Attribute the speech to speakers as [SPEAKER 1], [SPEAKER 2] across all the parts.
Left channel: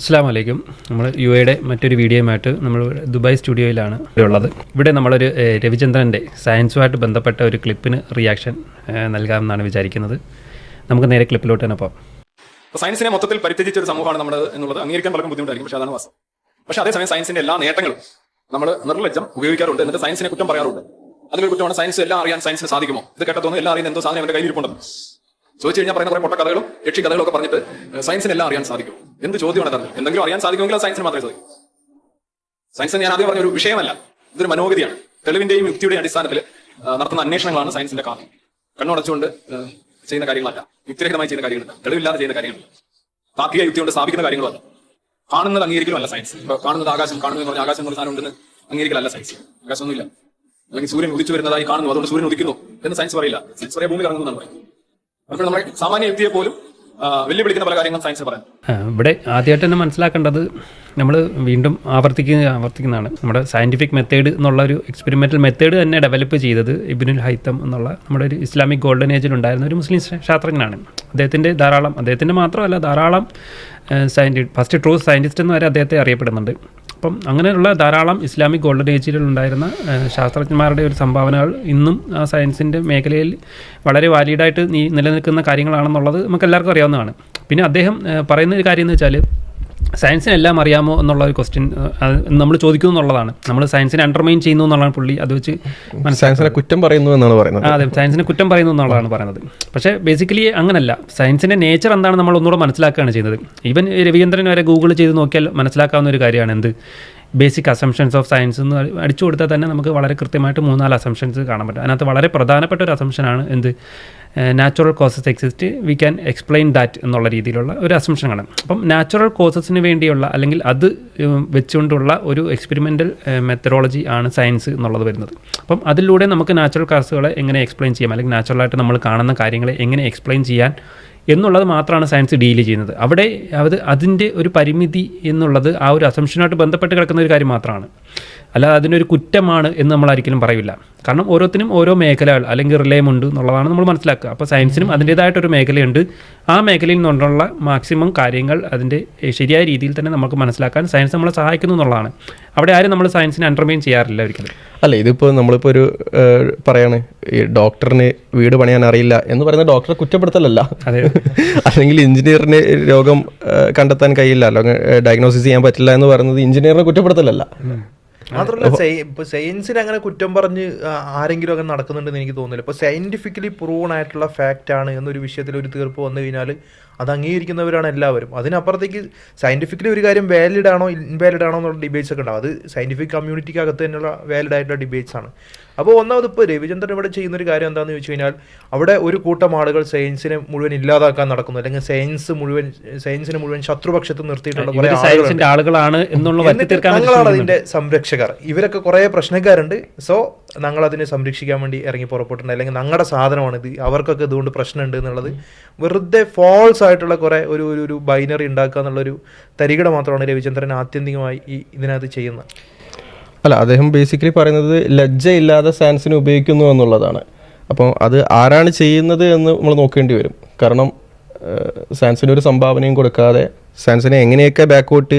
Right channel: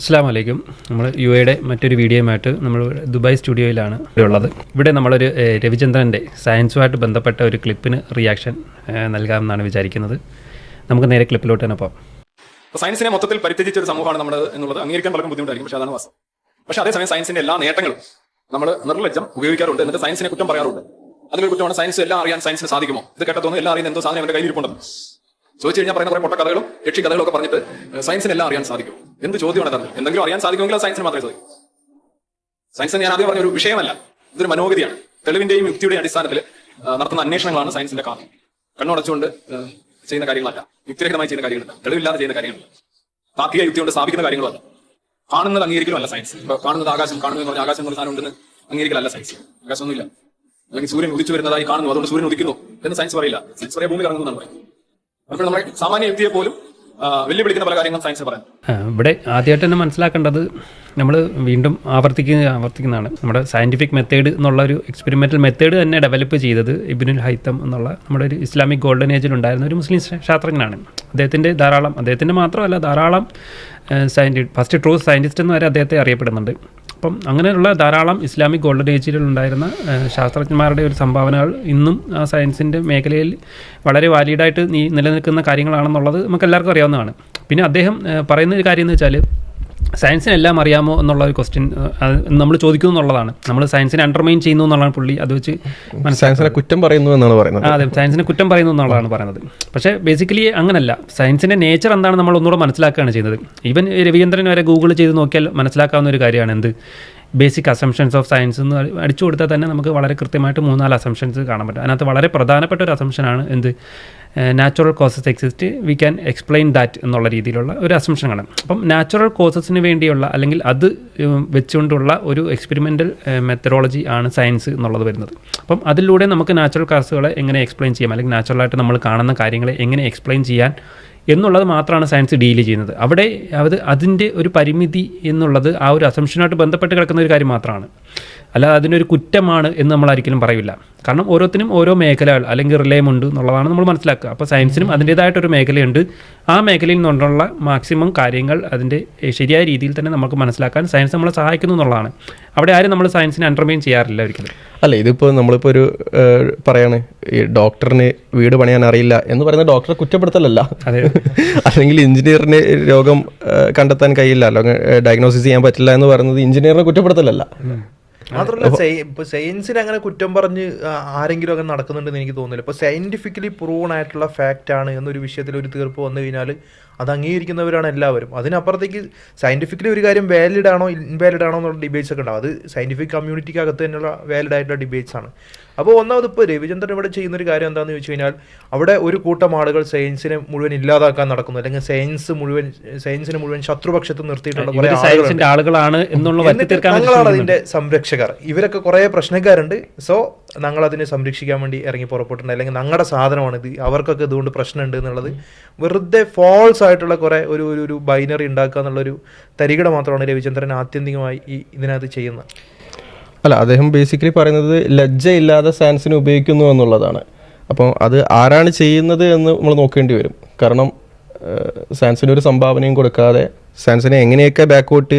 [SPEAKER 1] അസ്സാം വലൈക്കും നമ്മൾ യു എയുടെ മറ്റൊരു വീഡിയോയുമായിട്ട് നമ്മൾ ദുബായ് സ്റ്റുഡിയോയിലാണ് ഉള്ളത്. ഇവിടെ നമ്മളൊരു രവിചന്ദ്രന്റെ സയൻസുമായിട്ട് ബന്ധപ്പെട്ട ഒരു ക്ലിപ്പിന് റിയാക്ഷൻ നൽകാമെന്നാണ് വിചാരിക്കുന്നത്. നമുക്ക് നേരെ ക്ലിപ്പിലോട്ട് തന്നെ പോകാം
[SPEAKER 2] സയൻസിനെ മൊത്തത്തിൽ പരിത്യജിച്ച ഒരു സമൂഹമാണ് നമ്മൾ എന്നുള്ളത് അംഗീകരിക്കാൻ പലർക്കും ബുദ്ധിമുട്ടായിരിക്കും പക്ഷേ അതാണ് വാസ്തവം. പക്ഷേ അതേസമയം സയൻസിന്റെ എല്ലാ നേട്ടങ്ങളും നമ്മൾ നിർലജ്ജം ഉപയോഗിക്കാറുണ്ട് എന്നിട്ട് സയൻസിനെ കുറ്റം പറയാറുണ്ട്. അതിനെ കുറ്റമാണ് സയൻസ് എല്ലാം അറിയാൻ സയൻസിന് സാധിക്കുമോ? ഇത് കേട്ടതോന്നും എല്ലാം അറിയാൻ എന്തോ സാധനം എന്റെ കയ്യിൽ കയ്യിലിരിപ്പുണ്ടെന്ന്. ചോദിച്ചു കഴിഞ്ഞാൽ പറയുന്ന പൊട്ട കഥകളും യക്ഷി കഥകളും ഒക്കെ പറഞ്ഞിട്ട് സയൻസിൽ എല്ലാം അറിയാൻ സാധിക്കും. എന്ത് ചോദ്യമാണ് എന്തെങ്കിലും അറിയാൻ സാധിക്കുമെങ്കിൽ സയൻസിന് മാത്രമേ സാധിക്കും. സയൻസ് ഞാൻ ആദ്യം പറഞ്ഞ ഒരു വിഷയമല്ല. ഇതൊരു മനോഗതിയാണ്. തെളിവിന്റെയും യുക്തിയുടെയും അടിസ്ഥാനത്തിൽ നടത്തുന്ന അന്വേഷണങ്ങളാണ് സയൻസിന്റെ കാരണം കണ്ണുടച്ചുകൊണ്ട് ചെയ്യുന്ന കാര്യങ്ങളല്ല. യുക്തിരഹിതമായി ചെയ്യുന്ന കാര്യങ്ങളല്ല. തെളിവില്ലാതെ ചെയ്യുന്ന കാര്യങ്ങളല്ല. താത്വിക യുക്തി കൊണ്ട് സ്ഥാപിക്കുന്ന കാര്യങ്ങളല്ല. കാണുന്നത് അംഗീകരിക്കലല്ല സയൻസ് കാണുന്നത് ആകാശം കാണുന്നത് എന്ന് പറഞ്ഞാൽ ആകാശം എന്നുള്ള സാധനം ഉണ്ടെന്ന് അംഗീകരിക്കലല്ല സയൻസ് ആകാശമൊന്നുമില്ല. അല്ലെങ്കിൽ സൂര്യൻ ഉദിച്ചു വരുന്നതായി കാണുന്നു അതുകൊണ്ട് സൂര്യൻ ഉദിക്കുന്നു എന്ന് സയൻസ് പറയില്ല. സയൻസ് പറയാൻ ഭൂമി കറങ്ങുന്നതാണ് പോലും വെല്ലുവിളിക്കുന്ന പല
[SPEAKER 1] കാര്യങ്ങൾ ഇവിടെ ആദ്യമായിട്ട് തന്നെ മനസ്സിലാക്കേണ്ടത് നമ്മൾ വീണ്ടും ആവർത്തിക്കുന്ന ആവർത്തിക്കുന്നതാണ്. നമ്മുടെ സയന്റിഫിക് മെത്തേഡ് എന്നുള്ള ഒരു എക്സ്പെരിമെന്റൽ മെത്തേഡ് തന്നെ ഡെവലപ്പ് ചെയ്തത് ഇബിനുൽ ഹൈത്തം എന്നുള്ള നമ്മുടെ ഒരു ഇസ്ലാമിക് ഗോൾഡൻ ഏജിൽ ഉണ്ടായിരുന്ന ഒരു മുസ്ലിം ശാസ്ത്രജ്ഞനാണ്. അദ്ദേഹത്തിന്റെ ധാരാളം അദ്ദേഹത്തിന്റെ മാത്രമല്ല ധാരാളം സയന്റി ഫസ്റ്റ് ട്രൂ സയന്റിസ്റ്റ് എന്ന് വരെ അദ്ദേഹത്തെ അറിയപ്പെടുന്നുണ്ട്. അപ്പം അങ്ങനെയുള്ള ധാരാളം ഇസ്ലാമിക് ഗോൾഡൻ ഏജിൽ ഉണ്ടായിരുന്ന ശാസ്ത്രജ്ഞന്മാരുടെ ഒരു സംഭാവനകൾ ഇന്നും ആ സയൻസിന്റെ മേഖലയിൽ വളരെ വാലിഡായിട്ട് നിലനിൽക്കുന്ന കാര്യങ്ങളാണെന്നുള്ളത് നമുക്ക് എല്ലാവർക്കും അറിയാവുന്നതാണ്. പിന്നെ അദ്ദേഹം പറയുന്ന ഒരു കാര്യം എന്ന് വെച്ചാൽ സയൻസിന് എല്ലാം അറിയാമോ എന്നുള്ള ഒരു ക്വസ്റ്റ്യൻ നമ്മൾ ചോദിക്കുന്നു എന്നുള്ളതാണ്. നമ്മൾ സയൻസിനെ അണ്ടർമൈൻ ചെയ്യുന്നു എന്നുള്ളതാണ് പുള്ളി അത് വെച്ച്
[SPEAKER 3] സയൻസിനെ കുറ്റം പറയുന്നു എന്നാണ് പറയുന്നത്.
[SPEAKER 1] അതെ സയൻസിനെ കുറ്റം പറയുന്നു എന്നുള്ളതാണ് പറയുന്നത്. പക്ഷേ ബേസിക്കലി അങ്ങനല്ല. സയൻസിന്റെ നേച്ചർ എന്താണ് നമ്മൾ ഒന്നുകൂടെ മനസ്സിലാക്കുകയാണ് ചെയ്യുന്നത്. ഈവൻ രവീന്ദ്രൻ വരെ ഗൂഗിൾ ചെയ്ത് നോക്കിയാൽ മനസ്സിലാക്കാവുന്ന ഒരു കാര്യമാണ് എന്ത്? ബേസിക് അസംഷൻസ് ഓഫ് സയൻസ് എന്ന് അടിച്ചു കൊടുത്താൽ തന്നെ നമുക്ക് വളരെ കൃത്യമായിട്ട് മൂന്നാൽ അസംഷൻസ് കാണാൻ പറ്റും. അതിനകത്ത് വളരെ പ്രധാനപ്പെട്ട ഒരു അസംഷനാണ് എന്ത്? Natural causes exist we can explain that എന്നുള്ള രീതിയിലുള്ള ഒരു അസംഷനാണ് അപ്പം നാച്ചുറൽ കോസസിന് വേണ്ടിയുള്ള അല്ലെങ്കിൽ അത് വെച്ചുകൊണ്ടുള്ള ഒരു എക്സ്പെരിമെന്റൽ മെത്തഡോളജി ആണ് സയൻസ് എന്നുള്ളത് വരുന്നത്. അപ്പം അതിലൂടെ നമുക്ക് നാച്ചുറൽ കാസുകളെ എങ്ങനെ എക്സ്പ്ലെയിൻ ചെയ്യാം? അല്ലെങ്കിൽ നാച്ചുറലായിട്ട് നമ്മൾ കാണുന്ന കാര്യങ്ങളെ എങ്ങനെ എക്സ്പ്ലെയിൻ ചെയ്യാൻ എന്നുള്ളത് മാത്രമാണ് സയൻസ് ഡീൽ ചെയ്യുന്നത്. അവിടെ അത് അതിന്റെ ഒരു പരിമിതി എന്നുള്ളത് ആ ഒരു അസംഷനായിട്ട് ബന്ധപ്പെട്ട് കിടക്കുന്ന ഒരു കാര്യം മാത്രമാണ്. അല്ല അതിനൊരു കുറ്റമാണ് എന്ന് നമ്മൾ ഒരിക്കലും പറയില്ല. കാരണം ഓരോത്തിനും ഓരോ മേഖലകൾ അല്ലെങ്കിൽ റിലയമുണ്ട് എന്നുള്ളതാണ് നമ്മൾ മനസ്സിലാക്കുക. അപ്പോൾ സയൻസിനും അതിന്റേതായിട്ടൊരു മേഖലയുണ്ട്. ആ മേഖലയിൽ നിന്നുള്ള മാക്സിമം കാര്യങ്ങൾ അതിന്റെ ശരിയായ രീതിയിൽ തന്നെ നമുക്ക് മനസ്സിലാക്കാൻ സയൻസ് നമ്മളെ സഹായിക്കുന്നു എന്നുള്ളതാണ്. അവിടെ ആരും നമ്മൾ സയൻസിനെ അണ്ടർമൈൻ ചെയ്യാറില്ല ഒരിക്കലും.
[SPEAKER 3] അല്ല ഇതിപ്പോൾ നമ്മളിപ്പോൾ ഒരു പറയാണ് ഈ ഡോക്ടറിന് വീട് പണിയാൻ അറിയില്ല എന്ന് പറയുന്ന ഡോക്ടറെ കുറ്റപ്പെടുത്തലല്ല. അല്ലെങ്കിൽ എഞ്ചിനീയറിന് രോഗം കണ്ടെത്താൻ കഴിയില്ല. അല്ലെങ്കിൽ ഡയഗ്നോസിസ് ചെയ്യാൻ പറ്റില്ല എന്ന് പറയുന്നത് എഞ്ചിനീയറിനെ കുറ്റപ്പെടുത്തലല്ല.
[SPEAKER 4] മാത്രമല്ല ഇപ്പൊ സയൻസിന് അങ്ങനെ കുറ്റം പറഞ്ഞ് ആരെങ്കിലും ഒക്കെ നടക്കുന്നുണ്ടെന്ന് എനിക്ക് തോന്നുന്നില്ല. ഇപ്പൊ സയന്റിഫിക്കലി പ്രൂവൺ ആയിട്ടുള്ള ഫാക്റ്റ് ആണ് എന്നൊരു വിഷയത്തിൽ ഒരു തീർപ്പ് വന്നു കഴിഞ്ഞാൽ അത് അംഗീകരിക്കുന്നവരാണ് എല്ലാവരും. അതിനപ്പുറത്തേക്ക് സയന്റിഫിക്കലി ഒരു കാര്യം വാലിഡ് ആണോ ഇൻവാലിഡ് ആണോ എന്നുള്ള ഡിബേറ്റ്സ് ഒക്കെ ഉണ്ടാവും. അത് സയന്റിഫിക് കമ്മ്യൂണിറ്റിക്ക് അകത്ത് തന്നെയുള്ള വാലിഡ് ആയിട്ടുള്ള ഡിബേറ്റ്സ് ആണ്. അപ്പോൾ ഒന്നാമത് ഇപ്പോൾ രവിചന്ദ്രൻ ഇവിടെ ചെയ്യുന്ന ഒരു കാര്യം എന്താണെന്ന് ചോദിച്ചു കഴിഞ്ഞാൽ അവിടെ ഒരു കൂട്ടം ആളുകൾ സയൻസിനെ മുഴുവൻ ഇല്ലാതാക്കാൻ നടക്കുന്നു. അല്ലെങ്കിൽ സയൻസ് മുഴുവൻ സയൻസിനെ മുഴുവൻ ശത്രുപക്ഷത്ത് നിർത്തിയിട്ടുള്ള
[SPEAKER 1] സയൻസിന്റെ ആളുകളാണ്
[SPEAKER 4] ഞങ്ങളാണ്. അതിന്റെ സംരക്ഷകർ. ഇവരൊക്കെ കുറെ പ്രശ്നക്കാരുണ്ട്. സോ ഞങ്ങൾ അതിനെ സംരക്ഷിക്കാൻ വേണ്ടി ഇറങ്ങി പുറപ്പെട്ടിട്ടുണ്ട്. അല്ലെങ്കിൽ ഞങ്ങളുടെ സാധനമാണ് ഇത്. അവർക്കൊക്കെ ഇതുകൊണ്ട് പ്രശ്നമുണ്ട് എന്നുള്ളത്. വെറുതെ ഫോൾസ് ആയിട്ടുള്ള കുറെ ഒരു ഒരു ബൈനറി ഉണ്ടാക്കുക എന്നുള്ളൊരു തരികട മാത്രമാണ് രവിചന്ദ്രൻ ആത്യന്തികമായി ഈ ഇതിനകത്ത് ചെയ്യുന്നത്.
[SPEAKER 3] അല്ല അദ്ദേഹം ബേസിക്കലി പറയുന്നത് ലജ്ജയില്ലാതെ സയൻസിനെ ഉപയോഗിക്കുന്നു എന്നുള്ളതാണ്. അപ്പം അത് ആരാണ് ചെയ്യുന്നത് എന്ന് നമ്മൾ നോക്കേണ്ടി വരും. കാരണം സാൻസിന് ഒരു സംഭാവനയും കൊടുക്കാതെ സാൻസിനെ എങ്ങനെയൊക്കെ ബാക്കോട്ട്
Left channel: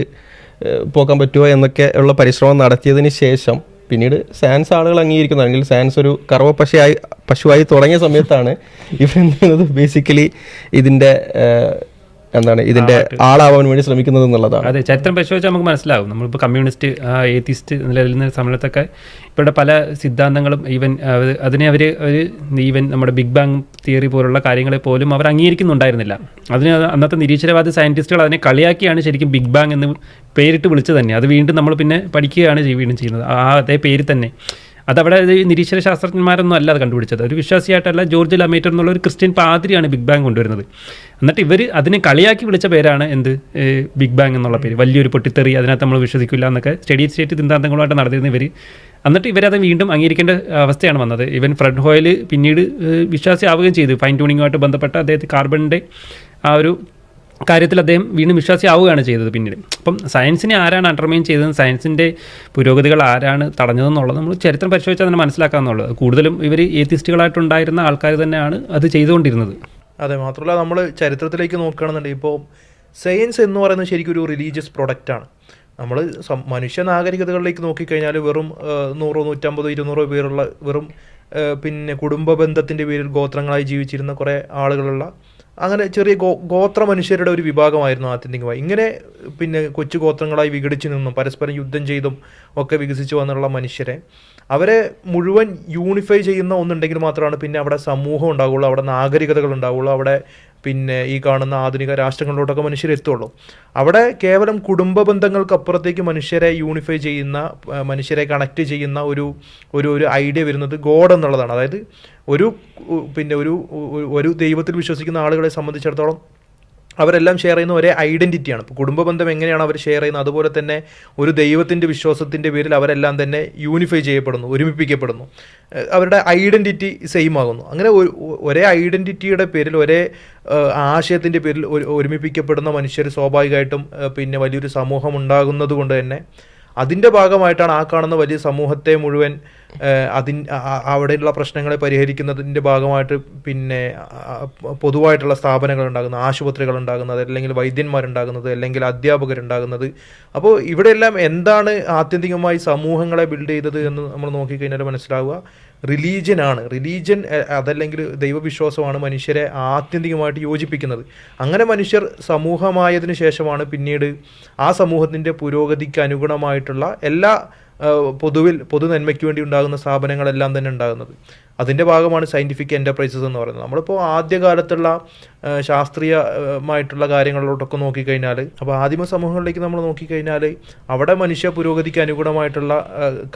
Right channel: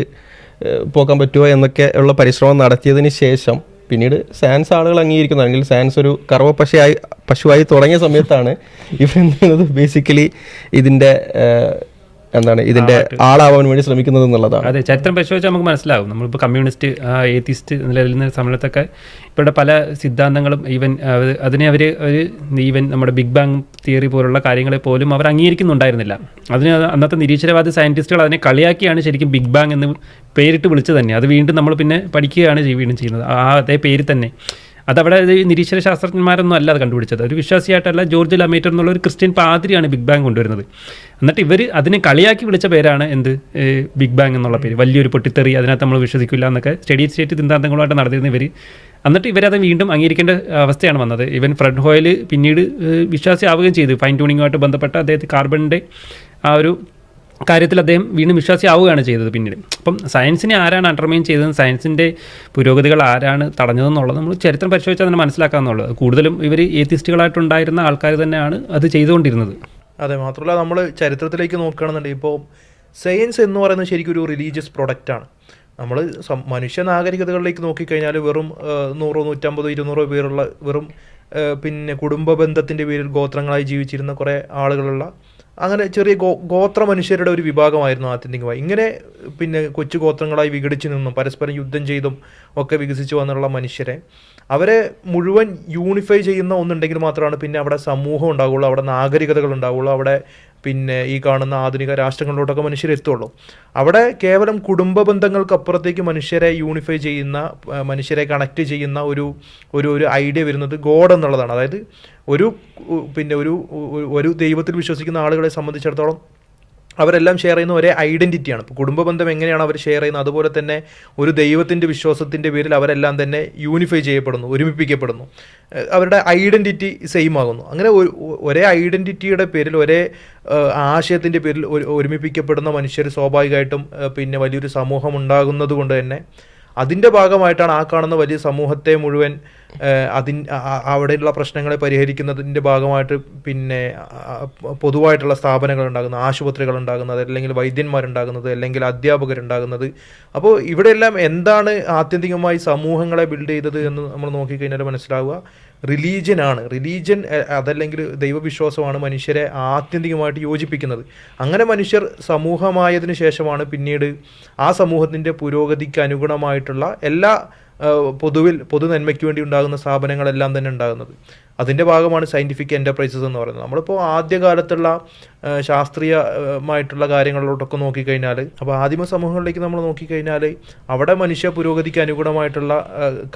[SPEAKER 3] പോകാൻ പറ്റുമോ എന്നൊക്കെ ഉള്ള പരിശ്രമം നടത്തിയതിന് ശേഷം പിന്നീട് സാൻസ് ആളുകൾ അംഗീകരിക്കുന്നത് അല്ലെങ്കിൽ സാൻസ് ഒരു കറവ പശുവായി പശുവായി തുടങ്ങിയ സമയത്താണ് ഇവരെന്ത് ബേസിക്കലി ഇതിന്റെ ഏഹ്, എന്താണ് ഇതിന്റെ ആളാവാൻ വേണ്ടി ശ്രമിക്കുന്നത് എന്നുള്ളതാണ്.
[SPEAKER 1] അതെ ചരിത്രം പരിശോധിച്ചാൽ നമുക്ക് മനസ്സിലാവും. നമ്മളിപ്പോൾ കമ്മ്യൂണിസ്റ്റ് ഏത്തിസ്റ്റ് നിലനിന്ന സമയത്തൊക്കെ ഇവരുടെ പല സിദ്ധാന്തങ്ങളും ഈവൻ അതിനെ അവർ ഒരു ഈവൻ നമ്മുടെ ബിഗ് ബാങ് തിയറി പോലുള്ള കാര്യങ്ങളെ പോലും അവർ അംഗീകരിക്കുന്നുണ്ടായിരുന്നില്ല. അതിന് അന്നത്തെ നിരീശ്വരവാദി സയന്റിസ്റ്റുകൾ അതിനെ കളിയാക്കിയാണ് ശരിക്കും ബിഗ് ബാങ് എന്ന് പേരിട്ട് വിളിച്ചത് തന്നെ. അത് വീണ്ടും നമ്മൾ പിന്നെ പഠിക്കുകയാണ് വീണ്ടും ചെയ്യുന്നത്. ആ അതേ പേര് തന്നെ. അതവിടെ നിരീശ്വര ശാസ്ത്രജ്ഞന്മാരൊന്നും അല്ല അത് കണ്ടുപിടിച്ചത്. ഒരു വിശ്വാസിയായിട്ടല്ല ജോർജ് ലമേറ്റർ എന്നുള്ള ഒരു ക്രിസ്ത്യൻ പാതിരിയാണ് ബിഗ് ബാങ് കൊണ്ടുവരുന്നത്. എന്നിട്ട് ഇവർ അതിനെ കളിയാക്കി വിളിച്ച പേരാണ് എന്ത്? ബിഗ് ബാങ് എന്നുള്ള പേര്. വലിയൊരു പൊട്ടിത്തെറി അതിനകത്ത് നമ്മൾ വിശ്വസിക്കില്ല എന്നൊക്കെ സ്റ്റഡി സ്റ്റേറ്റ് സിദ്ധാന്തങ്ങളുമായിട്ട് നടത്തിയിരുന്ന ഇവർ എന്നിട്ട് ഇവരത് വീണ്ടും അംഗീകരിക്കേണ്ട അവസ്ഥയാണ് വന്നത്. ഇവൻ ഫ്രഡ് ഹോയിൽ പിന്നീട് വിശ്വാസി വിശ്വാസിയാവുകയും ചെയ്തു. ഫൈൻ ട്യൂണിങ്ങുമായിട്ട് ബന്ധപ്പെട്ട അദ്ദേഹത്തെ കാർബണിന്റെ ആ ഒരു കാര്യത്തിൽ അദ്ദേഹം വീണ്ടും വിശ്വാസിയാവുകയാണ് ചെയ്തത് പിന്നീട്. അപ്പം സയൻസിനെ ആരാണ് അണ്ടർമൈൻ ചെയ്തത് സയൻസിന്റെ പുരോഗതികൾ ആരാണ് തടഞ്ഞതെന്നുള്ളത് നമ്മൾ ചരിത്രം പരിശോധിച്ചാൽ തന്നെ മനസ്സിലാക്കാമെന്നുള്ളത് കൂടുതലും ഇവർ ഏത്തിസ്റ്റുകളായിട്ടുണ്ടായിരുന്ന ആൾക്കാർ തന്നെയാണ് അത് ചെയ്തുകൊണ്ടിരുന്നത്.
[SPEAKER 4] അതെ മാത്രമല്ല നമ്മൾ ചരിത്രത്തിലേക്ക് നോക്കുകയാണെന്നുണ്ടെങ്കിൽ ഇപ്പോൾ സയൻസ് എന്ന് പറയുന്നത് ശരിക്കും ഒരു റിലീജിയസ് പ്രൊഡക്റ്റാണ് നമ്മൾ മനുഷ്യ നാഗരികതകളിലേക്ക് നോക്കിക്കഴിഞ്ഞാൽ വെറും നൂറോ നൂറ്റമ്പതോ ഇരുന്നൂറോ പേരുള്ള വെറും പിന്നെ കുടുംബ ബന്ധത്തിന്റെ പേരിൽ ഗോത്രങ്ങളായി ജീവിച്ചിരുന്ന കുറേ ആളുകളുള്ള അങ്ങനെ ചെറിയ ഗോത്ര മനുഷ്യരുടെ ഒരു വിഭാഗമായിരുന്നു ആത്യന്തികമായി ഇങ്ങനെ പിന്നെ കൊച്ചു ഗോത്രങ്ങളായി വിഘടിച്ചു നിന്നും പരസ്പരം യുദ്ധം ചെയ്തും ഒക്കെ വികസിച്ചു വന്നുള്ള മനുഷ്യരെ അവരെ മുഴുവൻ യൂണിഫൈ ചെയ്യുന്ന ഒന്നുണ്ടെങ്കിൽ മാത്രമാണ് പിന്നെ അവിടെ സമൂഹം ഉണ്ടാവുള്ളൂ അവിടെ നാഗരികതകൾ ഉണ്ടാവുള്ളൂ അവിടെ പിന്നെ ഈ കാണുന്ന ആധുനിക രാഷ്ട്രങ്ങളിലോട്ടൊക്കെ മനുഷ്യർ എത്തുള്ളൂ. അവിടെ കേവലം കുടുംബ ബന്ധങ്ങൾക്ക് അപ്പുറത്തേക്ക് മനുഷ്യരെ യൂണിഫൈ ചെയ്യുന്ന മനുഷ്യരെ കണക്ട് ചെയ്യുന്ന ഒരു ഒരു ഒരു ഐഡിയ വരുന്നത് ഗോഡ് എന്നുള്ളതാണ്. അതായത് ഒരു പിന്നെ ഒരു ഒരു ദൈവത്തിൽ വിശ്വസിക്കുന്ന ആളുകളെ സംബന്ധിച്ചിടത്തോളം അവരെല്ലാം ഷെയർ ചെയ്യുന്ന ഒരേ ഐഡന്റിറ്റിയാണ് ഇപ്പോൾ കുടുംബ ബന്ധം എങ്ങനെയാണ് അവർ ഷെയർ ചെയ്യുന്നത്? അതുപോലെ തന്നെ ഒരു ദൈവത്തിന്റെ വിശ്വാസത്തിന്റെ പേരിൽ അവരെല്ലാം തന്നെ യൂണിഫൈ ചെയ്യപ്പെടുന്നു ഒരുമിപ്പിക്കപ്പെടുന്നു. അവരുടെ ഐഡന്റിറ്റി സെയിം ആകുന്നു. അങ്ങനെ ഒരു- ഐഡന്റിറ്റിയുടെ പേരിൽ ഒരേ ആശയത്തിന്റെ പേരിൽ ഒരുമിപ്പിക്കപ്പെടുന്ന മനുഷ്യർ സ്വാഭാവികമായിട്ടും പിന്നെ വലിയൊരു സമൂഹം ഉണ്ടാകുന്നത് കൊണ്ട് തന്നെ അതിന്റെ ഭാഗമായിട്ടാണ് ആ കാണുന്ന വലിയ സമൂഹത്തെ മുഴുവൻ അതിൻ അവിടെയുള്ള പ്രശ്നങ്ങളെ പരിഹരിക്കുന്നതിന്റെ ഭാഗമായിട്ട് പിന്നെ പൊതുവായിട്ടുള്ള സ്ഥാപനങ്ങൾ ഉണ്ടാകുന്നത് ആശുപത്രികൾ ഉണ്ടാകുന്നത് അല്ലെങ്കിൽ വൈദ്യന്മാരുണ്ടാകുന്നത് അല്ലെങ്കിൽ അധ്യാപകരുണ്ടാകുന്നത്. അപ്പോൾ ഇവിടെയെല്ലാം എന്താണ് ആത്യന്തികമായി സമൂഹങ്ങളെ ബിൽഡ് ചെയ്തത് എന്ന് നമ്മൾ നോക്കിക്കഴിഞ്ഞാൽ മനസ്സിലാവുക. റിലീജിയനാണ്. റിലീജിയൻ അതല്ലെങ്കിൽ ദൈവവിശ്വാസമാണ് മനുഷ്യരെ ആത്യന്തികമായിട്ട് യോജിപ്പിക്കുന്നത്. അങ്ങനെ മനുഷ്യർ സമൂഹമായതിനു ശേഷമാണ് പിന്നീട് ആ സമൂഹത്തിന്റെ പുരോഗതിക്ക് അനുഗുണമായിട്ടുള്ള എല്ലാ പൊതുവിൽ പൊതു നന്മയ്ക്ക് വേണ്ടി ഉണ്ടാകുന്ന സ്ഥാപനങ്ങളെല്ലാം തന്നെ ഉണ്ടാകുന്നത്. അതിന്റെ ഭാഗമാണ് സയന്റിഫിക് എന്റർപ്രൈസസ് എന്ന് പറയുന്നത്. നമ്മളിപ്പോൾ ആദ്യകാലത്തുള്ള ശാസ്ത്രീയമായിട്ടുള്ള കാര്യങ്ങളിലോട്ടൊക്കെ നോക്കിക്കഴിഞ്ഞാൽ അപ്പോൾ ആദിമ സമൂഹങ്ങളിലേക്ക് നമ്മൾ നോക്കിക്കഴിഞ്ഞാൽ അവിടെ മനുഷ്യ പുരോഗതിക്ക് അനുഗുണമായിട്ടുള്ള